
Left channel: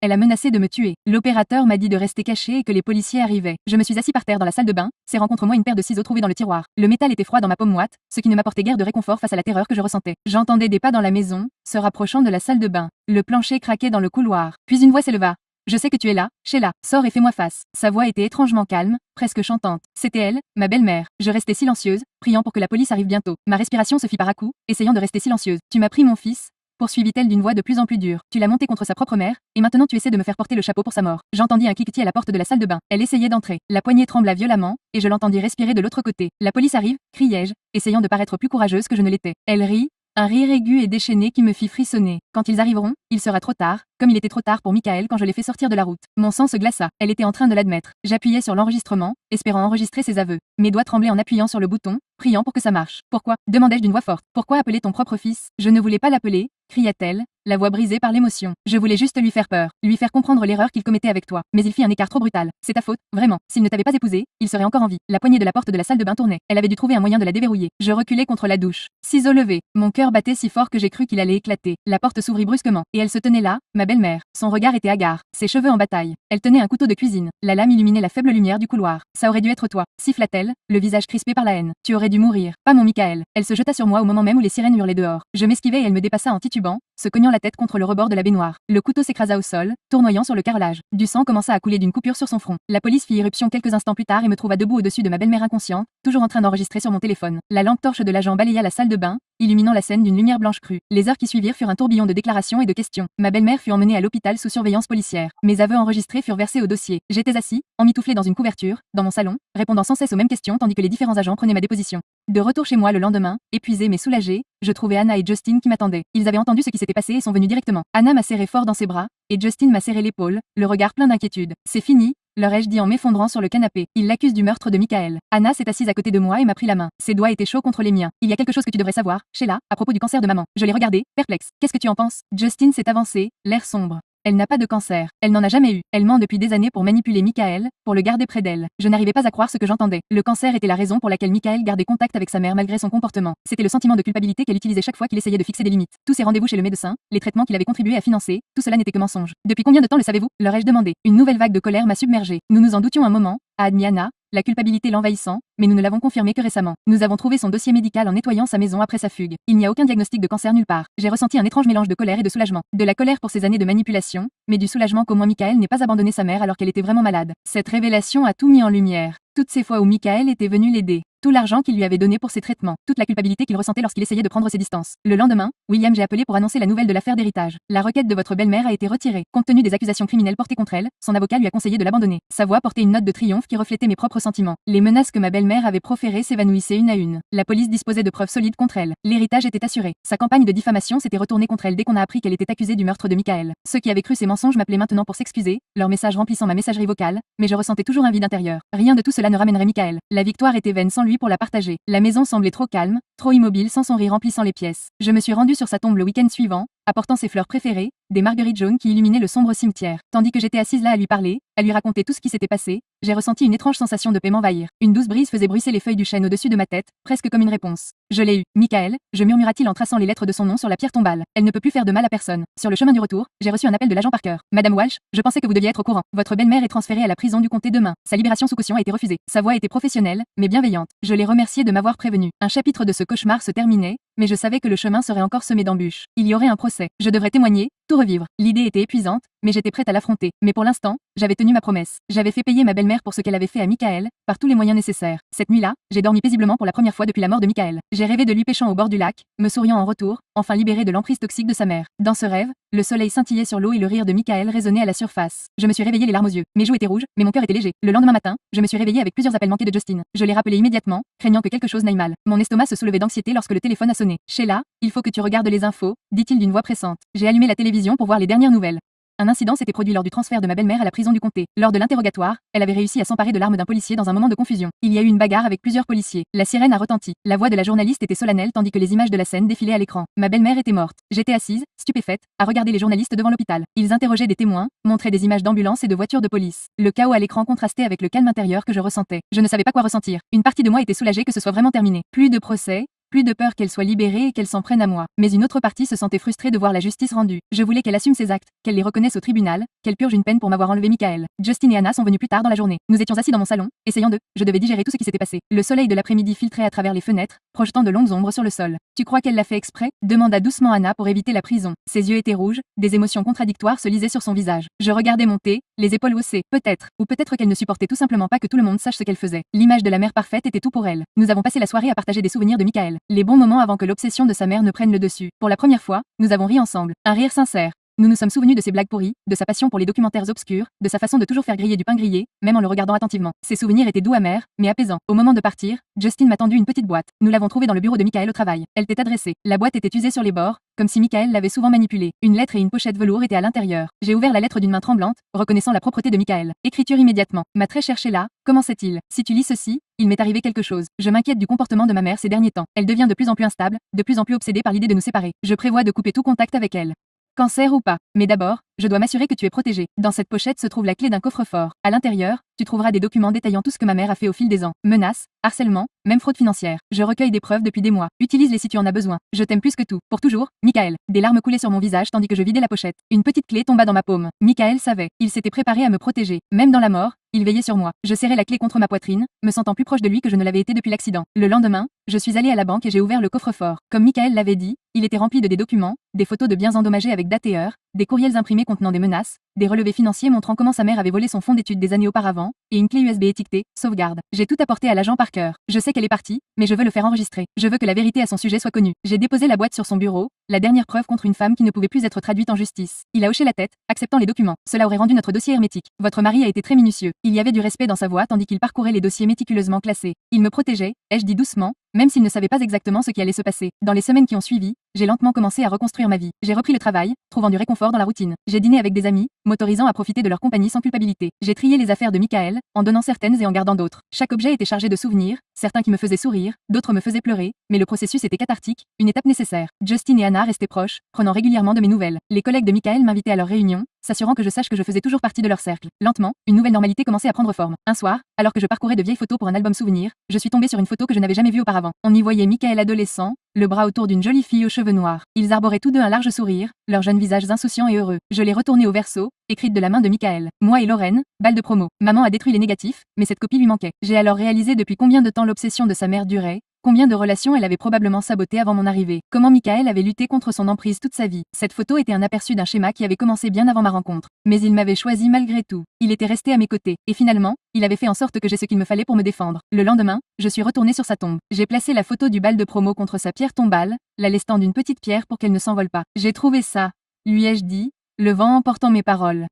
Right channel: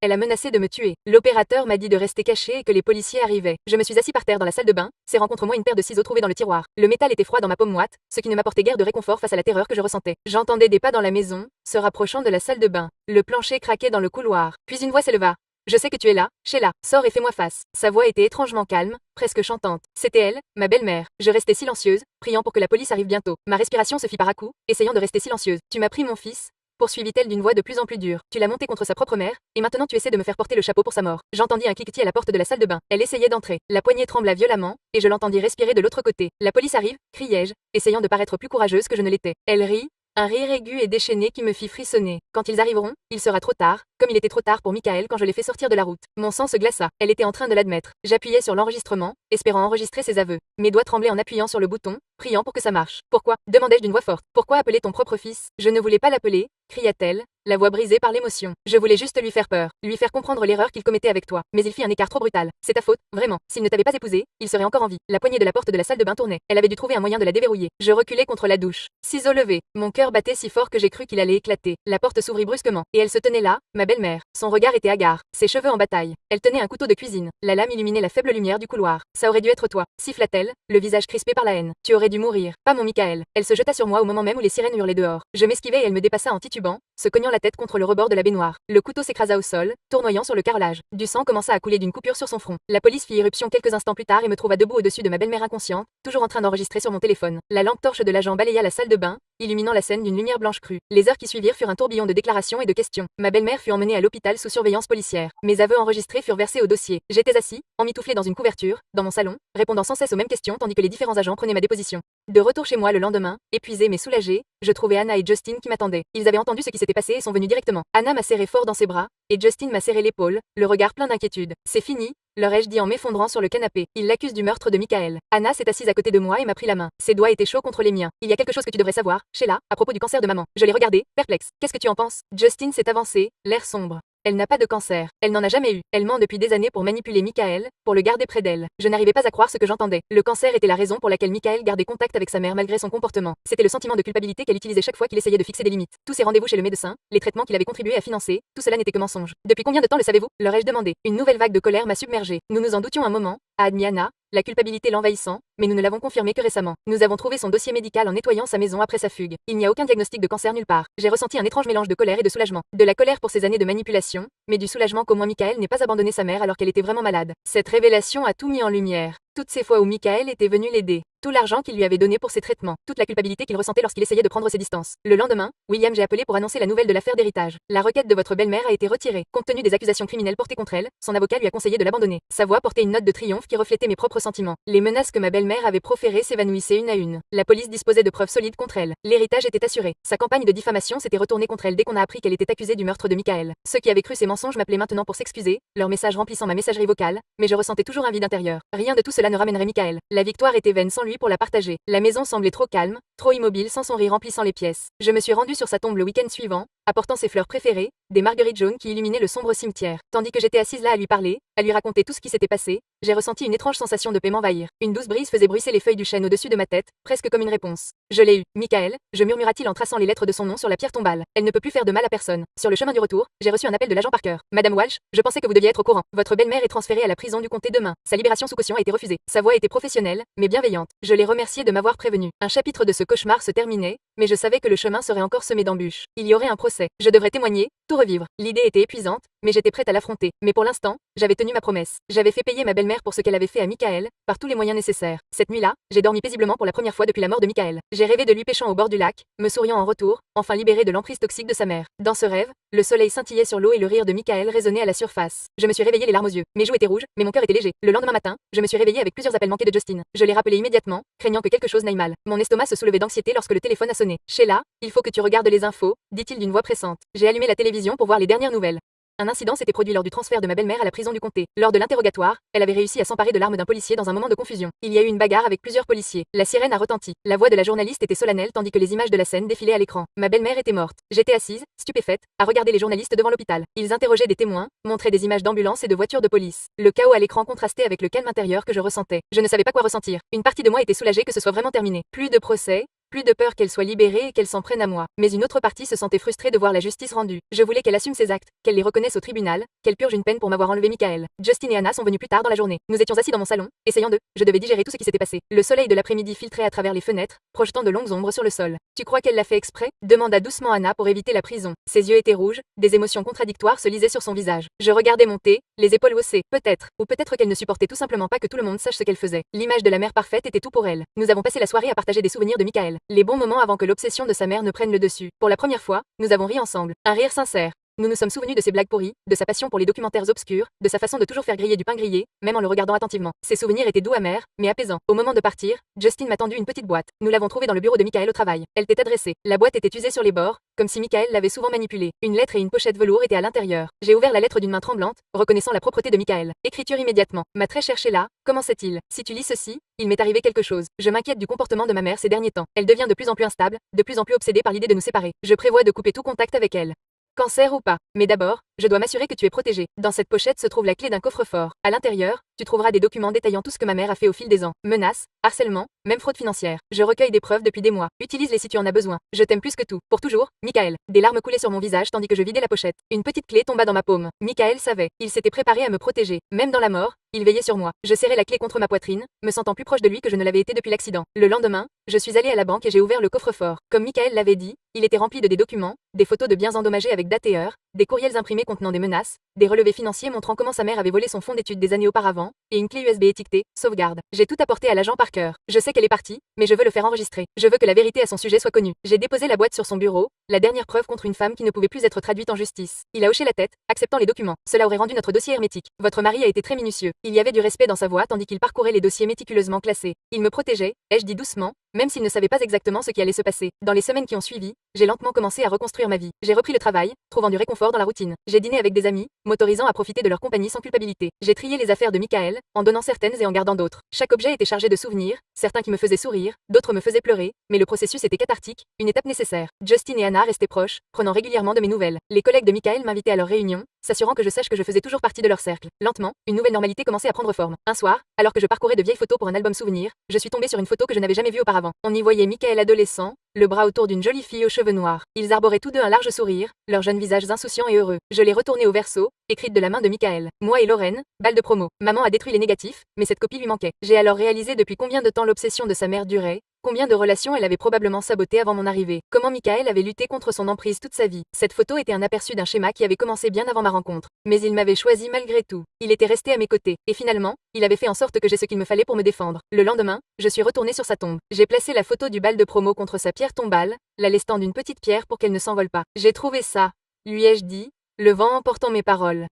Elle a menacé de me tuer. L'opérateur m'a dit de rester caché et que les policiers arrivaient. Je me suis assis par terre dans la salle de bain, serrant contre moi une paire de ciseaux trouvés dans le tiroir. Le métal était froid dans ma paume moite, ce qui ne m'apportait guère de réconfort face à la terreur que je ressentais. J'entendais des pas dans la maison, se rapprochant de la salle de bain. Le plancher craquait dans le couloir. Puis une voix s'éleva. Je sais que tu es là, Sheila. Sors et fais-moi face. Sa voix était étrangement calme, presque chantante. C'était elle, ma belle-mère. Je restais silencieuse, priant pour que la police arrive bientôt. Ma respiration se fit par à-coups, essayant de rester silencieuse. Tu m'as pris mon fils, poursuivit-elle d'une voix de plus en plus dure. Tu l'as monté contre sa propre mère, et maintenant tu essaies de me faire porter le chapeau pour sa mort. J'entendis un cliquetis à la porte de la salle de bain. Elle essayait d'entrer. La poignée trembla violemment, et je l'entendis respirer de l'autre côté. La police arrive, criai-je, essayant de paraître plus courageuse que je ne l'étais. Elle rit. Un rire aigu et déchaîné qui me fit frissonner. Quand ils arriveront, il sera trop tard, comme il était trop tard pour Michael quand je l'ai fait sortir de la route. Mon sang se glaça. Elle était en train de l'admettre. J'appuyais sur l'enregistrement, espérant enregistrer ses aveux. Mes doigts tremblaient en appuyant sur le bouton, priant pour que ça marche. Pourquoi? Demandai-je d'une voix forte. Pourquoi appeler ton propre fils? Je ne voulais pas l'appeler, cria-t-elle, la voix brisée par l'émotion. Je voulais juste lui faire peur, lui faire comprendre l'erreur qu'il commettait avec toi. Mais il fit un écart trop brutal. C'est ta faute, vraiment. S'il ne t'avait pas épousé, il serait encore en vie. La poignée de la porte de la salle de bain tournait. Elle avait dû trouver un moyen de la déverrouiller. Je reculai contre la douche. Ciseaux levés. Mon cœur battait si fort que j'ai cru qu'il allait éclater. La porte s'ouvrit brusquement, et elle se tenait là, ma belle-mère. Son regard était hagard, ses cheveux en bataille. Elle tenait un couteau de cuisine. La lame illuminait la faible lumière du couloir. Ça aurait dû être toi, siffla-t-elle, le visage crispé par la haine. Tu aurais dû mourir, pas mon Michael. Elle se jeta sur moi au moment même où les sirènes hurlaient dehors. Je m'esquivai et elle me dépassa en titubant, se cognant la tête contre le rebord de la baignoire. Le couteau s'écrasa au sol, tournoyant sur le carrelage. Du sang commença à couler d'une coupure sur son front. La police fit irruption quelques instants plus tard et me trouva debout au-dessus de ma belle-mère inconsciente, toujours en train d'enregistrer sur mon téléphone. La lampe torche de l'agent balaya la salle de bain, illuminant la scène d'une lumière blanche crue. Les heures qui suivirent furent un tourbillon de déclarations et de questions. Ma belle-mère fut emmenée à l'hôpital sous surveillance policière. Mes aveux enregistrés furent versés au dossier. J'étais assis, emmitouflé dans une couverture, dans mon salon, répondant sans cesse aux mêmes questions tandis que les différents agents prenaient ma déposition. De retour chez moi le lendemain, épuisé mais soulagé, je trouvais Anna et Justin qui m'attendaient. Ils avaient entendu ce qui s'était passé et sont venus directement. Anna m'a serré fort dans ses bras, et Justin m'a serré l'épaule, le regard plein d'inquiétude. C'est fini, leur ai-je dit en m'effondrant sur le canapé. Il l'accuse du meurtre de Michael. Anna s'est assise à côté de moi et m'a pris la main. Ses doigts étaient chauds contre les miens. Il y a quelque chose que tu devrais savoir, Sheila, à propos du cancer de maman. Je l'ai regardé, perplexe. Qu'est-ce que tu en penses? Justin s'est avancé, l'air sombre. Elle n'a pas de cancer. Elle n'en a jamais eu. Elle ment depuis des années pour manipuler Michael, pour le garder près d'elle. Je n'arrivais pas à croire ce que j'entendais. Le cancer était la raison pour laquelle Michael gardait contact avec sa mère malgré son comportement. C'était le sentiment de culpabilité qu'elle utilisait chaque fois qu'il essayait de fixer des limites. Tous ses rendez-vous chez le médecin, les traitements qu'il avait contribué à financer, tout cela n'était que mensonge. Depuis combien de temps le savez-vous? Leur ai-je demandé. Une nouvelle vague de colère m'a submergée. Nous nous en doutions un moment, a admis Anna, la culpabilité l'envahissant, mais nous ne l'avons confirmé que récemment. Nous avons trouvé son dossier médical en nettoyant sa maison après sa fugue. Il n'y a aucun diagnostic de cancer nulle part. J'ai ressenti un étrange mélange de colère et de soulagement. De la colère pour ces années de manipulation, mais du soulagement qu'au moins Michael n'ait pas abandonné sa mère alors qu'elle était vraiment malade. Cette révélation a tout mis en lumière. Toutes ces fois où Michael était venu l'aider. Tout l'argent qu'il lui avait donné pour ses traitements. Toute la culpabilité qu'il ressentait lorsqu'il essayait de prendre ses distances. Le lendemain, William, j'ai appelé pour annoncer la nouvelle de l'affaire d'héritage. La requête de votre belle-mère a été retirée. Compte tenu des accusations criminelles portées contre elle, son avocat lui a conseillé de l'abandonner. Sa voix portait une note de triomphe qui reflétait mes propres sentiments. Les menaces que ma belle-mère avait proférées s'évanouissaient une à une. La police disposait de preuves solides contre elle. L'héritage était assuré. Sa campagne de diffamation s'était retournée contre elle dès qu'on a appris qu'elle était accusée du meurtre de Michael. Ceux qui avaient cru ces mensonges m'appelaient maintenant pour s'excuser, leur message remplissant ma messagerie vocale, mais je ressentais toujours un vide intérieur. Rien de tout cela ne ramènerait Michael. La victoire était vaine sans lui pour la partager. La maison semblait trop calme, trop immobile sans son rire remplissant les pièces. Je me suis rendue sur sa tombe le week-end suivant, apportant ses fleurs préférées, des marguerites jaunes qui illuminaient le sombre cimetière. Tandis que j'étais assise là à lui parler, à lui raconter tout ce qui s'était passé, j'ai ressenti une étrange sensation de paix m'envahir. Une douce brise faisait bruisser les feuilles du chêne au-dessus de ma tête, presque comme une réponse. Je l'ai eu. Michael, je murmura-t-il en traçant les lettres de son nom sur la pierre tombale. Elle ne peut plus faire de mal à personne. Sur le chemin du retour, j'ai reçu un appel de l'agent Parker. Madame Walsh, je pensais que vous deviez être au courant. Votre belle-mère est transférée à la prison du comté demain. Sa libération sous caution a été refusée. Sa voix était professionnelle, mais bienveillante. Je l'ai remerciée de m'avoir prévenu. Un chapitre de ce cauchemar se terminait, mais je savais que le chemin serait encore semé d'embûches. Il y aurait un procès. Je devrais témoigner, tout revivre. L'idée était épuisante, mais j'étais prête à l'affronter. Mais pour l'instant, j'avais tenu ma promesse. J'avais fait payer ma belle-mère pour ce qu'elle avait fait à Michael, par tous les moyens nécessaires. Cette nuit-là, j'ai dormi paisiblement pour la première fois depuis la mort de Michael. J'ai rêvé de lui pêchant au bord du lac, me souriant en retour, enfin libéré de l'emprise toxique de sa mère. Dans ce rêve, le soleil scintillait sur l'eau et le rire de Michael résonnait à la surface. Je me suis réveillée les larmes aux yeux. Mes joues étaient rouges, mais mon cœur était léger. Le lendemain matin, je me suis réveillée avec plusieurs appels manqués de Justin. Je l'ai rappelé immédiatement, craignant que quelque chose n'aille mal. Mon estomac se soulevait d'anxiété lorsque le téléphone a sonné. Sheila, il faut que tu regardes les infos, dit-il d'une voix pressante. J'ai allumé la télévision pour voir les dernières nouvelles. Un incident s'était produit lors du transfert de ma belle-mère à la prison du comté. Lors de l'interrogatoire, elle avait réussi à s'emparer de l'arme d'un policier dans un moment de confusion. Il y a eu une bagarre avec plusieurs policiers. La sirène a retenti. La voix de la journaliste était solennelle tandis que les images de la scène défilaient à l'écran. Ma belle-mère était morte. J'étais assise, stupéfaite, à regarder les journalistes devant l'hôpital. Ils interrogeaient des témoins, montraient des images d'ambulances et de voitures de police. Le chaos à l'écran contrastait avec le calme intérieur que je ressentais. Je ne savais pas quoi ressentir. Une partie de moi était soulagée que ce soit vraiment terminé. Plus de procès. Plus de peur qu'elle soit libérée et qu'elle s'en prenne à moi. Mais une autre partie se sentait frustrée de voir la justice rendue. Je voulais qu'elle assume ses actes, qu'elle les reconnaisse au tribunal, qu'elle purge une peine pour m'avoir enlevé Michael. Justin et Anna sont venus plus tard dans la journée. Nous étions assis dans mon salon, essayant de... Je devais digérer tout ce qui s'était passé. Le soleil de l'après-midi filtrait à travers les fenêtres, projetant de longues ombres sur le sol. Tu crois qu'elle l'a fait exprès? Demanda doucement Anna pour éviter la prison. Ses yeux étaient rouges, des émotions contradictoires se lisaient sur son visage. Je regardais monter, les épaules haussées. Peut-être, ou peut-être qu'elle ne supportait tout simplement pas que tout le monde sache ce qu'elle faisait. L'image de la mère parfaite était tout pour elle. Nous avons passé la soirée à partager des souvenirs de Michael. Les bons moments avant que l'obsession de sa mère ne prenne le dessus. Pour la première fois, nous avons ri ensemble. Un rire sincère. Nous nous sommes souvenus de ses blagues pourries, de sa passion pour les documentaires obscurs, de sa façon de toujours faire griller du pain grillé, même en le regardant attentivement. Ces souvenirs étaient doux amers, mais apaisants. Au moment de partir, Justin m'a tendu une petite boîte. Nous l'avons trouvée dans le bureau de Michael au travail. Elle t'est adressée. La boîte était usée sur les bords, comme si Michael l'avait souvent manipulée. Une lettre et une pochette velours étaient à l'intérieur. J'ai ouvert la lettre d'une main tremblante, reconnaissant la propreté de Michael. Écriture immédiatement. Ma très chère Sheila, comment sait-il? Si tu lis ceci, il m'est arrivé quelque chose. Je m'inquiète du comportement de ma mère ces derniers temps. Elle devient de plus en plus instable, de plus en plus obsédée par l'idée de nous séparer. Je prévois de couper tout contact avec elle. Cancer ou pas. Mais d'abord, je dois m'assurer que tu es protégé. Dans cette pochette se trouve la clé d'un coffre-fort. À l'intérieur, tu trouveras des documents détaillant tout ce que ma mère a fait au fil des ans. Menaces, harcèlement, même fraude financière. Je recueille des preuves depuis des mois. Utilise-les si tu en as besoin. Je t'aime plus que tout. Pour toujours, Michael. Des larmes coulaient sur mon visage tandis que je vidais la pochette. Une petite clé tomba dans ma paume. Michael savait. Il s'était préparé à me protéger. Même dans la mort, il veillait sur moi. Je serrais la clé contre ma poitrine, me sentant plus proche de lui que je ne l'avais été depuis l'accident. Le lendemain, je suis allée à la banque et j'ai ouvert le coffre-fort. Comme Michael l'avait dit, il était rempli de des documents, des photos de biens endommagés avec date et heure, des courriels imprimés contenant des menaces, des relevés financiers montrant comment sa mère avait volé son fonds d'études des années auparavant, et une clé USB étiquetée sauvegarde. J'ai tout apporté à l'agent Parker. Je sais qu'elle est partie, mais je veux le faire enregistrer. Je veux que la vérité à son sujet soit connue. J'ai déposé la boîte sur son bureau, la dernière preuve contre une femme qui ne pouvait plus être traduite en justice. Il a hoché la tête, acceptant les documents. Cela aurait rendu notre dossier hermétique. Votre mari a été très minutieux. Il y avait du respect dans sa voix tandis qu'il parcourait les dossiers méticuleusement classés. Il me protégeait, ai-je dit doucement, même s'il ne savait pas exactement ce qui allait se passer. Dans les semaines qui ont suivi, j'ai lentement commencé à reconstruire ma vie. J'ai repris le travail, trouvant du réconfort dans la routine. J'ai dîné avec des amis, m'autorisant à profiter de leur compagnie sans culpabilité. J'ai trié les affaires de Michael, en donnant certaines et en gardant d'autres. Chaque objet était chargé de souvenirs, certains qui me faisaient sourire, d'autres me faisaient pleurer, mais le processus était cathartique, une étape nécessaire. Justin et Anna restaient proches, prenant régulièrement de mes nouvelles. Les collègues de Michael m'invitaient à leurs réunions, s'assurant que je sache que je faisais toujours partie de leur cercle. Lentement, une nouvelle normalité commençait à prendre forme. Un soir, alors que je parcourais de vieilles photos pour un album souvenir, je suis tombée sur une photo que je n'avais jamais vue auparavant. On y voyait Michael adolescent, le bras autour d'une jolie fille aux cheveux noirs. Ils arboraient tous deux un large sourire, leurs jeunes visages insouciants et heureux. Je l'ai retournée au verso, écrite de la main de Michael. Moi et Lorraine, balle de promo. Maman a détruit les négatifs, mais cette copie lui manquait. J'ai alors réalisé depuis combien de temps l'obsession de sa mère durait, combien de relations elle avait probablement sabotées avant mon arrivée, comment Michael avait lutté contre son emprise toute sa vie. Cette photo était un aperçu d'un schéma qui avait commencé bien avant ma rencontre. Mais il m'avait choisi malgré tout. Il était resté à mes côtés, et finalement, il avait fait en sorte que j'ai ce qu'il me fallait pour me défendre. Le lendemain, je suis retournée sur sa tombe. J'ai placé la photo du bal de promo contre sa pierre tombale, la lestant d'une petite pierre pour qu'elle ne s'envole pas. J'ai trouvé ça, lui ai-je dit, le vent emportant mes paroles.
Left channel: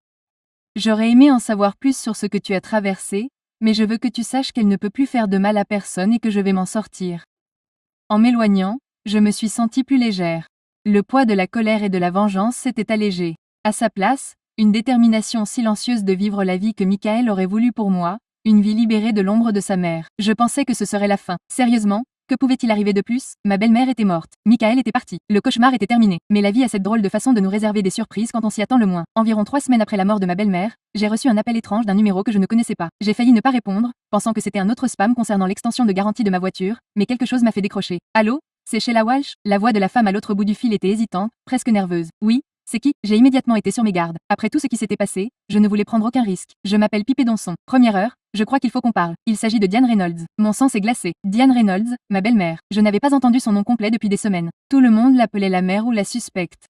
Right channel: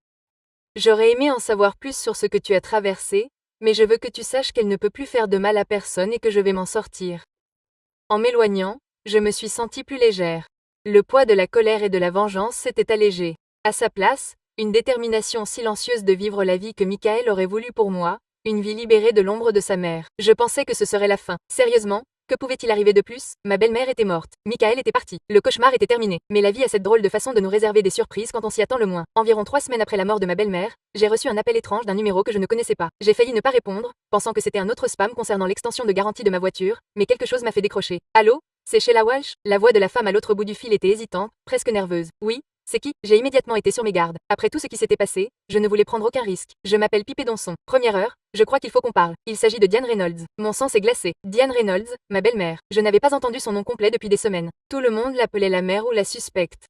J'aurais aimé en savoir plus sur ce que tu as traversé, mais je veux que tu saches qu'elle ne peut plus faire de mal à personne et que je vais m'en sortir. En m'éloignant, je me suis sentie plus légère. Le poids de la colère et de la vengeance s'était allégé. À sa place, une détermination silencieuse de vivre la vie que Michael aurait voulu pour moi, une vie libérée de l'ombre de sa mère. Je pensais que ce serait la fin. Sérieusement, que pouvait-il arriver de plus? Ma belle-mère était morte. Michael était parti. Le cauchemar était terminé. Mais la vie a cette drôle de façon de nous réserver des surprises quand on s'y attend le moins. Environ 3 semaines après la mort de ma belle-mère, j'ai reçu un appel étrange d'un numéro que je ne connaissais pas. J'ai failli ne pas répondre, pensant que c'était un autre spam concernant l'extension de garantie de ma voiture, mais quelque chose m'a fait décrocher. Allô? C'est Sheila Walsh? La voix de la femme à l'autre bout du fil était hésitante, presque nerveuse. Oui? C'est qui? J'ai immédiatement été sur mes gardes. Après tout ce qui s'était passé, je ne voulais prendre aucun risque. Je m'appelle Pipé Donson. Première heure, je crois qu'il faut qu'on parle. Il s'agit de Diane Reynolds. Mon sang s'est glacé. Diane Reynolds, ma belle-mère. Je n'avais pas entendu son nom complet depuis des semaines. Tout le monde l'appelait la mère ou la suspecte.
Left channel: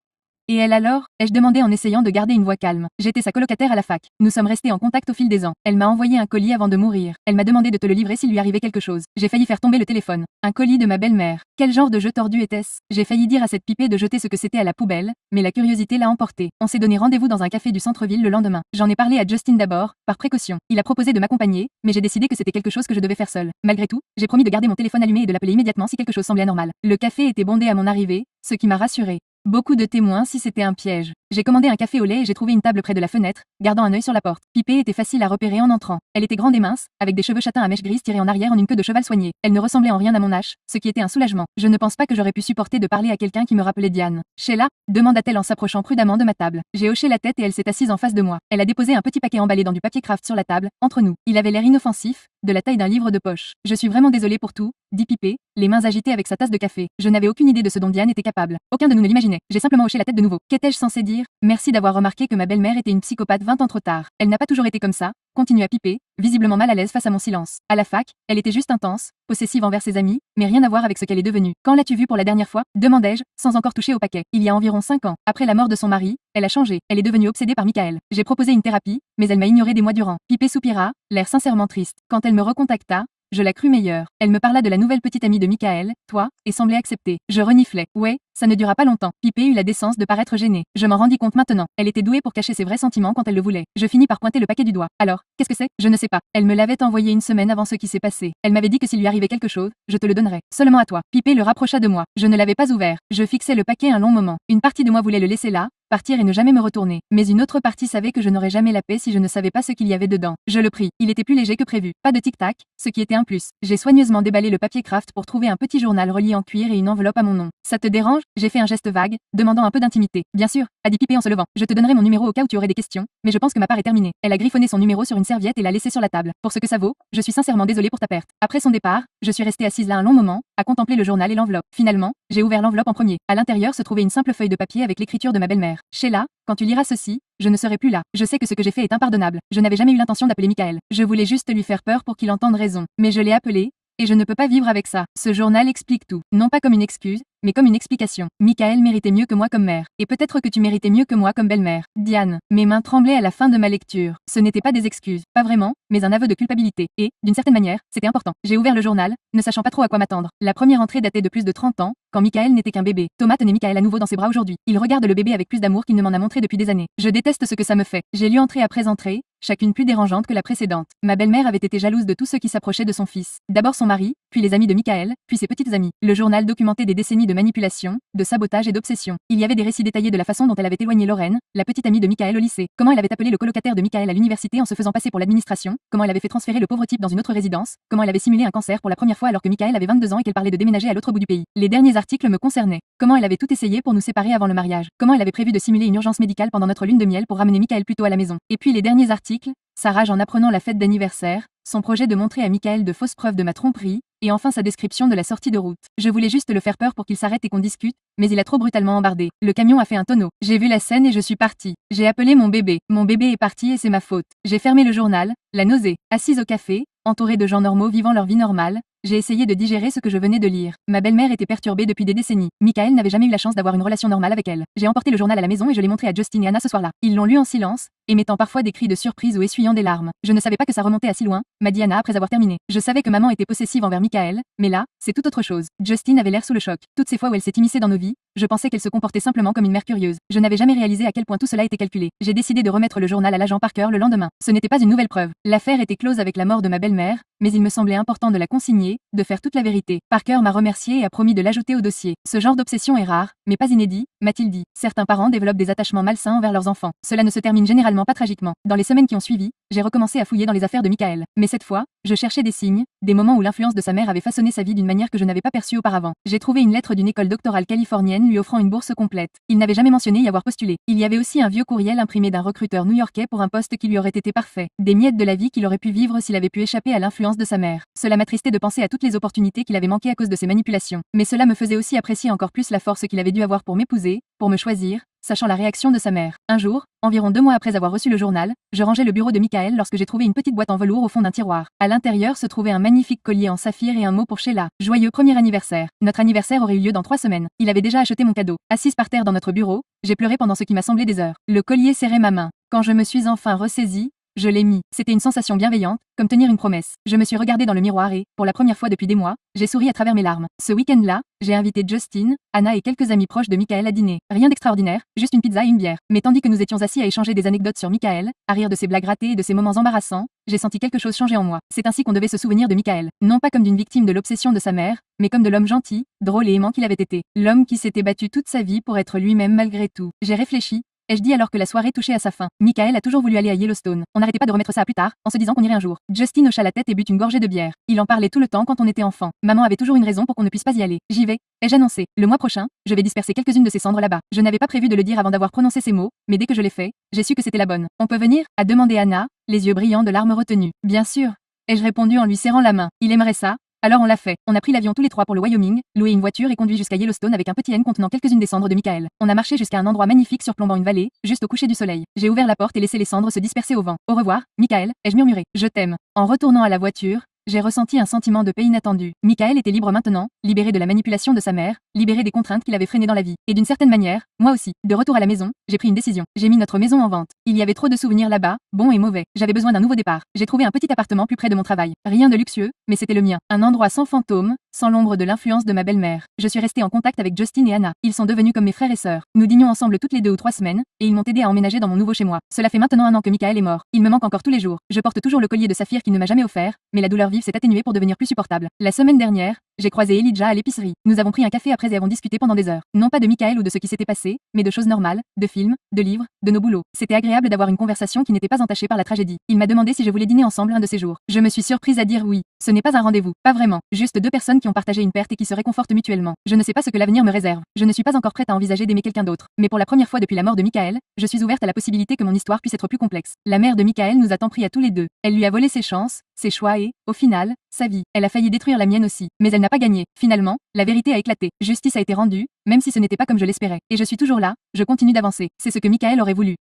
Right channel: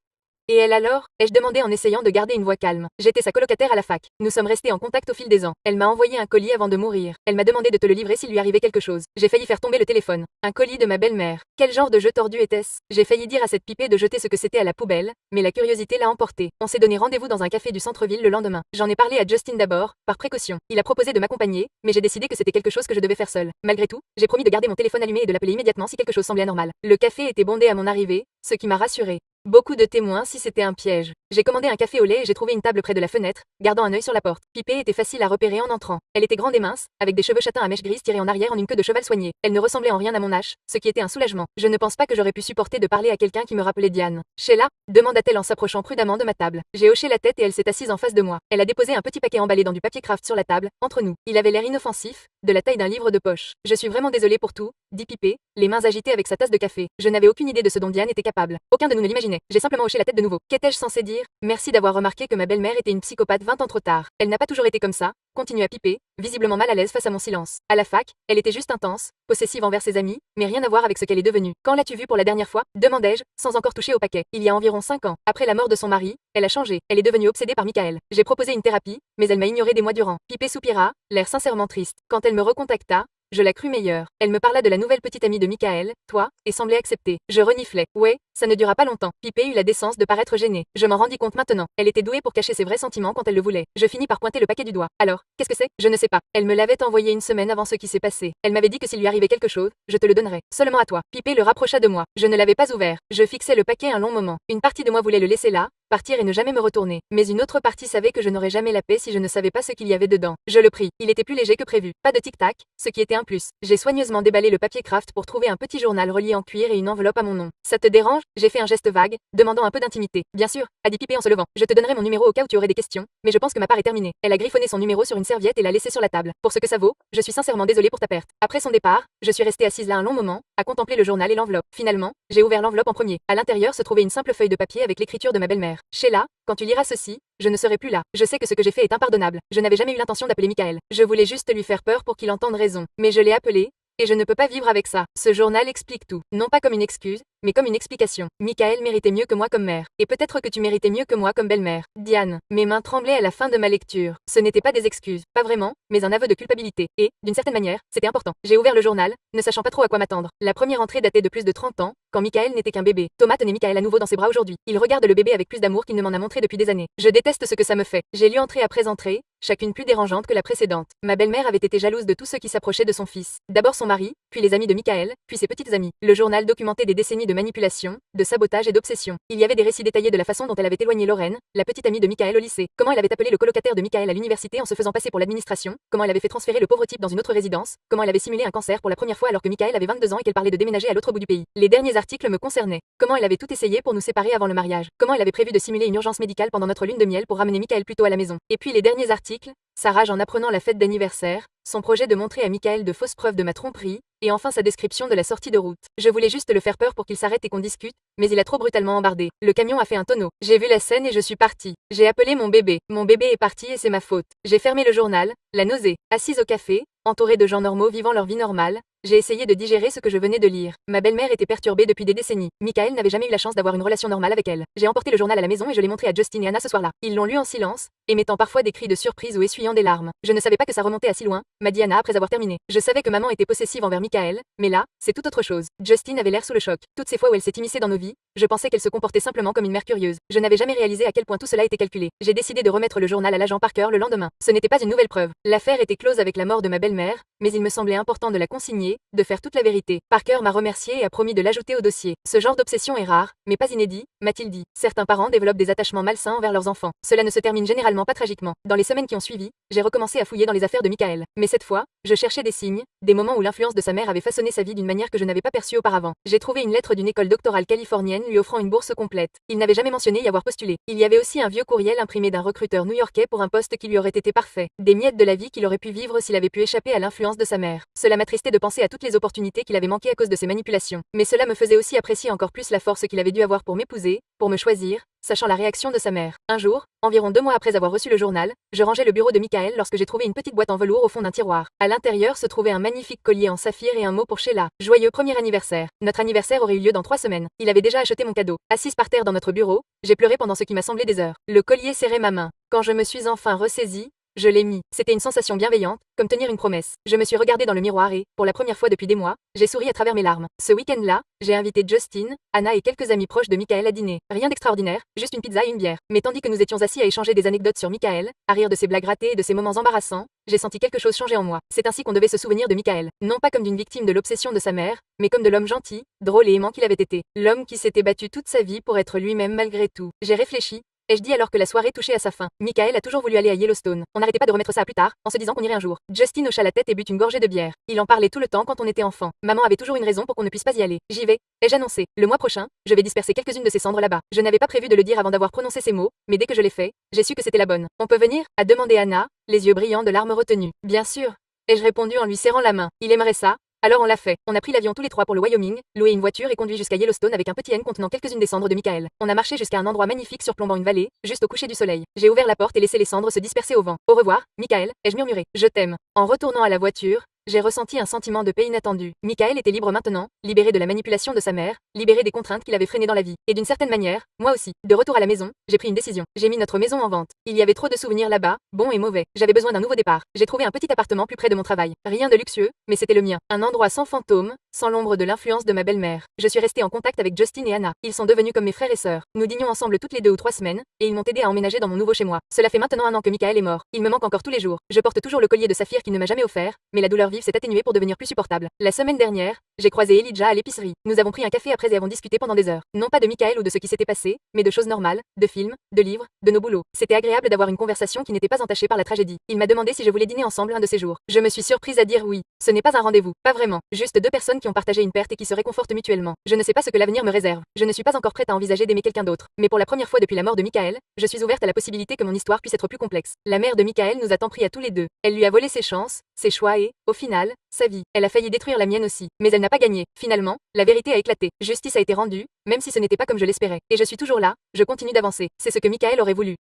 Et elle alors? Ai-je demandé en essayant de garder une voix calme. J'étais sa colocataire à la fac. Nous sommes restés en contact au fil des ans. Elle m'a envoyé un colis avant de mourir. Elle m'a demandé de te le livrer s'il lui arrivait quelque chose. J'ai failli faire tomber le téléphone. Un colis de ma belle-mère. Quel genre de jeu tordu était-ce? J'ai failli dire à cette pipée de jeter ce que c'était à la poubelle, mais la curiosité l'a emporté. On s'est donné rendez-vous dans un café du centre-ville le lendemain. J'en ai parlé à Justin d'abord, par précaution. Il a proposé de m'accompagner, mais j'ai décidé que c'était quelque chose que je devais faire seule. Malgré tout, j'ai promis de garder mon téléphone allumé et de l'appeler immédiatement si quelque chose semblait anormal. Le café était bondé à mon arrivée, ce qui m'a rassurée. Beaucoup de témoins si c'était un piège. J'ai commandé un café au lait et j'ai trouvé une table près de la fenêtre, gardant un œil sur la porte. Pipée était facile à repérer en entrant. Elle était grande et mince, avec des cheveux châtains à mèches grises tirés en arrière en une queue de cheval soignée. Elle ne ressemblait en rien à mon âge, ce qui était un soulagement. Je ne pense pas que j'aurais pu supporter de parler à quelqu'un qui me rappelait Diane. Sheila? Demanda-t-elle en s'approchant prudemment de ma table. J'ai hoché la tête et elle s'est assise en face de moi. Elle a déposé un petit paquet emballé dans du papier craft sur la table, entre nous. Il avait l'air inoffensif, de la taille d'un livre de poche. Je suis vraiment désolée pour tout, dit Pipée, les mains agitées avec sa tasse de café. Je n'avais aucune idée de ce dont Diane était capable. Aucun de nous ne l'imaginait. J'ai simplement hoché la tête de nouveau. Qu'étais-je censé dire? Merci d'avoir remarqué que ma belle-mère était une psychopathe 20 ans trop tard. Elle n'a pas toujours été comme ça, continua Pipée, visiblement mal à l'aise face à mon silence. À la fac, elle était juste intense, possessive envers ses amis, mais rien à voir avec ce qu'elle est devenue. Quand l'as-tu vue pour la dernière fois? Demandai-je, sans encore toucher au paquet. Il y a environ 5 ans. Après la mort de son mari, elle a changé. Elle est devenue obsédée par Michael. J'ai proposé une thérapie, mais elle m'a ignoré des mois durant. Pipée soupira, l'air sincèrement triste. Quand elle me recontacta, je la crus meilleure. Elle me parla de la nouvelle petite amie de Michael, toi, et semblait accepter. Je reniflais. Ouais, ça ne dura pas longtemps. Pipée eut la décence de paraître gênée. Je m'en rendis compte maintenant. Elle était douée pour cacher ses vrais sentiments quand elle le voulait. Je finis par pointer le paquet du doigt. Alors, qu'est-ce que c'est? Je ne sais pas. Elle me l'avait envoyé une semaine avant ce qui s'est passé. Elle m'avait dit que s'il lui arrivait quelque chose, je te le donnerais. Seulement à toi. Pipée le rapprocha de moi. Je ne l'avais pas ouvert. Je fixais le paquet un long moment. Une partie de moi voulait le laisser là, partir et ne jamais me retourner. Mais une autre partie savait que je n'aurais jamais la paix si je ne savais pas ce qu'il y avait dedans. Je le pris. Il était plus léger que prévu. Pas de tic-tac, ce qui était un plus. J'ai soigneusement déballé le papier craft pour trouver un petit journal relié en cuir et une enveloppe à mon nom. Ça te dérange? J'ai fait un geste vague, demandant un peu d'intimité. Bien sûr, a dit Pipée en se levant. Je te donnerai mon numéro au cas où tu aurais des questions, mais je pense que ma part est terminée. Elle a griffonné son numéro sur une serviette et l'a laissé sur la table. Pour ce que ça vaut, je suis sincèrement désolée pour ta perte. Après son départ, je suis restée assise là un long moment, à contempler le journal et l'enveloppe. Finalement, j'ai ouvert l'enveloppe en premier. À l'intérieur se trouvait une simple feuille de papier avec l'écriture de ma belle-mère. Sheila, quand tu liras ceci, je ne serai plus là. Je sais que ce que j'ai fait est impardonnable. Je n'avais jamais eu l'intention d'appeler Michael. Je voulais juste lui faire peur pour qu'il entende raison. Mais je l'ai appelé, et je ne peux pas vivre avec ça. Ce journal explique tout. Non pas comme une excuse, mais comme une explication. Michael méritait mieux que moi comme mère. Et peut-être que tu méritais mieux que moi comme belle-mère. Diane. Mes mains tremblaient à la fin de ma lecture. Ce n'était pas des excuses, pas vraiment, mais un aveu de culpabilité. Et, d'une certaine manière, c'était important. J'ai ouvert le journal, ne sachant pas trop à quoi m'attendre. La première entrée datait de plus de 30 ans, quand Michael n'était qu'un bébé. Thomas tenait Michael à nouveau dans ses bras aujourd'hui. Il regarde le bébé avec plus d'amour qu'il ne m'en a montré depuis des années. Je déteste ce que ça me fait. J'ai lu entrée après entrée, chacune plus dérangeante que la précédente. Ma belle-mère avait été jalouse de tous ceux qui s'approchaient de son fils. D'abord son mari, puis les amis de Michael, puis ses petites amies. Le journal documentait des décennies de manipulation, de sabotage et d'obsession. Il y avait des récits détaillés de la façon dont elle avait éloigné Lorraine, la petite amie de Michael au lycée. Comment elle avait appelé le colocataire de Michael à l'université en se faisant passer pour l'administration. Comment elle avait fait transférer le pauvre type dans une autre résidence. Comment elle avait simulé un cancer pour la première fois alors que Michael avait 22 ans et qu'elle parlait de déménager à l'autre bout du pays. Les derniers articles me concernaient. Comment elle avait tout essayé pour nous séparer avant le mariage. Comment elle avait prévu de simuler une urgence médicale pendant notre lune de miel pour ramener Michael plus tôt à la maison. Et puis les derniers articles, sa rage en apprenant la fête d'anniversaire, son projet de montrer à Michael de fausses preuves de ma tromperie, et enfin sa description de la sortie de route. Je voulais juste le faire peur pour qu'il s'arrête et qu'on discute, mais il a trop brutalement embardé. Le camion a fait un tonneau. J'ai vu la scène et je suis partie. J'ai appelé mon bébé. Mon bébé est parti et c'est ma faute. J'ai fermé le journal, la nausée, assise au café, entourée de gens normaux vivant leur vie normale, j'ai essayé de digérer ce que je venais de lire. Ma belle-mère était perturbée depuis des décennies. Michael n'avait jamais eu la chance d'avoir une relation normale avec elle. J'ai emporté le journal à la maison et je l'ai montré à Justin et Anna ce soir-là. Ils l'ont lu en silence, émettant parfois des cris de surprise ou essuyant des larmes. Je ne savais pas que ça remontait à si loin, m'a dit Anna après avoir terminé. Je savais que maman était possessive envers Michael, mais là, c'est tout autre chose. Justin avait l'air sous le choc. Toutes ces fois où elle s'est immiscée dans nos vies, je pensais qu'elle se comportait simplement comme une mère curieuse. Je n'avais jamais réalisé à quel point tout cela était calculé. J'ai décidé de remettre le journal à l'agent Parker le lendemain. Ce n'était pas une nouvelle preuve. L'affaire était close avec la mort de ma belle-mère, mais il me semblait important de la consigner, de faire toute la vérité. Parker m'a remercié et a promis de l'ajouter au dossier. Ce genre d'obsession est rare, mais pas inédit, m'a-t-il dit. Certains parents développent des attachements malsains envers leurs enfants. Cela ne se termine généralement pas tragiquement. Dans les semaines qui ont suivi, j'ai recommencé à fouiller dans les affaires de Michael. Mais cette fois, je cherchais des signes, des moments où l'influence de sa mère avait façonné sa vie d'une manière que je n'avais pas perçue auparavant. J'ai trouvé une lettre d'une école doctorale californienne lui offrant une bourse complète. Il n'avait jamais mentionné y avoir postulé. Il y avait aussi un vieux courriel imprimé d'un recruteur new-yorkais pour un poste qui lui aurait été parfait. Des miettes de la vie qu'il aurait pu vivre s'il avait pu échapper à l'influence de sa mère. Cela m'attristait de penser à toutes les opportunités qu'il avait manquées à cause de ses manipulations. Mais cela me faisait aussi apprécier encore plus la force qu'il avait dû avoir pour m'épouser, pour me choisir, sachant la réaction de sa mère. Un jour, environ 2 mois après avoir reçu le journal, je rangeais le bureau de Michael lorsque j'ai trouvé une petite boîte en velours au fond d'un tiroir. À l'intérieur se trouvait un magnifique collier en saphir et un mot pour Sheila. Joyeux premier anniversaire. Notre anniversaire aurait eu lieu dans 3 semaines. Il avait déjà acheté mon cadeau. Assise par terre dans notre bureau, j'ai pleuré pendant ce qui m'a semblé des heures. Le collier serrait ma main. Quand je me suis enfin ressaisie, je l'ai mis. C'était une sensation bienveillante, comme tenir une promesse. Je me suis regardée dans le miroir et, pour la première fois depuis des mois, j'ai souri à travers mes larmes. Ce week-end-là, j'ai invité Justin, Anna et quelques amis proches de Michael à dîner. Rien d'extraordinaire, juste une pizza et une bière. Mais tandis que nous étions assis à échanger des anecdotes sur Michael, à rire de ses blagues ratées et de ses moments embarrassants, j'ai senti quelque chose changer en moi. C'est ainsi qu'on devait se souvenir de Michael. Non pas comme d'une victime de l'obsession de sa mère, mais comme de l'homme gentil, drôle et aimant qu'il avait été. L'homme qui s'était battu toute sa vie pour être lui-même malgré tout. J'ai réfléchi, ai-je dit alors que la soirée touchait à sa fin. Michael a toujours voulu aller à Yellowstone. On n'arrêtait pas de remettre ça à plus tard, en se disant qu'on irait un jour. Justin hocha la tête et but une gorgée de bière. Il en parlait tout le temps quand on était enfant. Maman avait toujours une raison pour qu'on ne puisse pas y aller. J'y vais, ai-je annoncé. Le mois prochain, je vais disperser quelques-unes de ces cendres là-bas. Je n'avais pas prévu de le dire avant d'avoir prononcé ces mots, mais dès que je l'ai fait, j'ai su que c'était la bonne. On peut venir a demandé Anna, les yeux brillants de larmes retenues. Bien sûr, ai-je répondu en lui serrant la main. Il aimerait ça. Alors on l'a fait. On a pris l'avion tous les trois pour le Wyoming, loué une voiture et conduit jusqu'à Yellowstone avec un petit N contenant quelques-unes des cendres de Michael. On a marché jusqu'à un endroit magnifique surplombant une vallée, juste au coucher du soleil. J'ai ouvert la porte et laissé les cendres se disperser au vent. Au revoir, Michael, ai-je murmuré. Je t'aime. En retournant à la voiture, j'ai ressenti un sentiment de paix inattendu. Michael était libre maintenant, libéré de la manipulation de sa mère, libéré des contraintes qu'il avait freinées dans la vie. Et d'une certaine manière, moi aussi. De retour à la maison, j'ai pris une décision. J'ai mis notre maison en vente. Il y avait trop de souvenirs là-bas, bons et mauvais. J'avais besoin d'un nouveau départ. J'ai trouvé un petit appartement plus près de mon travail. Rien de luxueux, mais c'était le mien. Un endroit sans fantôme, sans l'ombre de l'influence de ma belle-mère. Je suis restée en contact avec Justin et Anna. Ils sont devenus comme mes frères et sœurs. Nous dînions ensemble toutes les 2 ou 3 semaines, et ils m'ont aidé à emménager dans mon nouveau chez moi. Cela fait maintenant 1 an que Michael est mort. Il me manque encore tous les jours. Je porte toujours le collier de saphir qu'il ne m'a jamais offert, mais la douleur vive s'est atténuée pour devenir plus supportable. La semaine dernière, j'ai croisé Elijah à l'épicerie. Nous avons pris un café après et avons discuté pendant des heures. Non pas de Michael ou de ce qui s'était passé, mais de choses normales, de films, de livres, de nos boulots. C'était agréable d'avoir une conversation qui n'était pas entachée par la tragédie. Il m'a demandé si je voulais dîner ensemble un de ces jours. Je me suis surprise à dire oui. Ce n'est pas un rendez-vous, pas vraiment. Juste 2 personnes qui ont partagé une perte et qui se réconfortent mutuellement. Je ne sais pas ce que l'avenir me réserve. Je ne suis pas encore prête à envisager d'aimer quelqu'un d'autre. Mais pour la première fois depuis la mort de Michael, je suis ouverte à la possibilité que mon histoire puisse être plus complexe. La mère de Michael nous a tant pris à tous les 2. Elle lui a volé ses chances, ses choix et, au final, sa vie. Elle a failli détruire la mienne aussi. Mais elle n'a pas gagné. Finalement, la vérité a éclaté. Justice a été rendue, même si ce n'était pas comme je l'espérais. Et je suis toujours là, je continue d'avancer. C'est ce que Michael aurait voulu.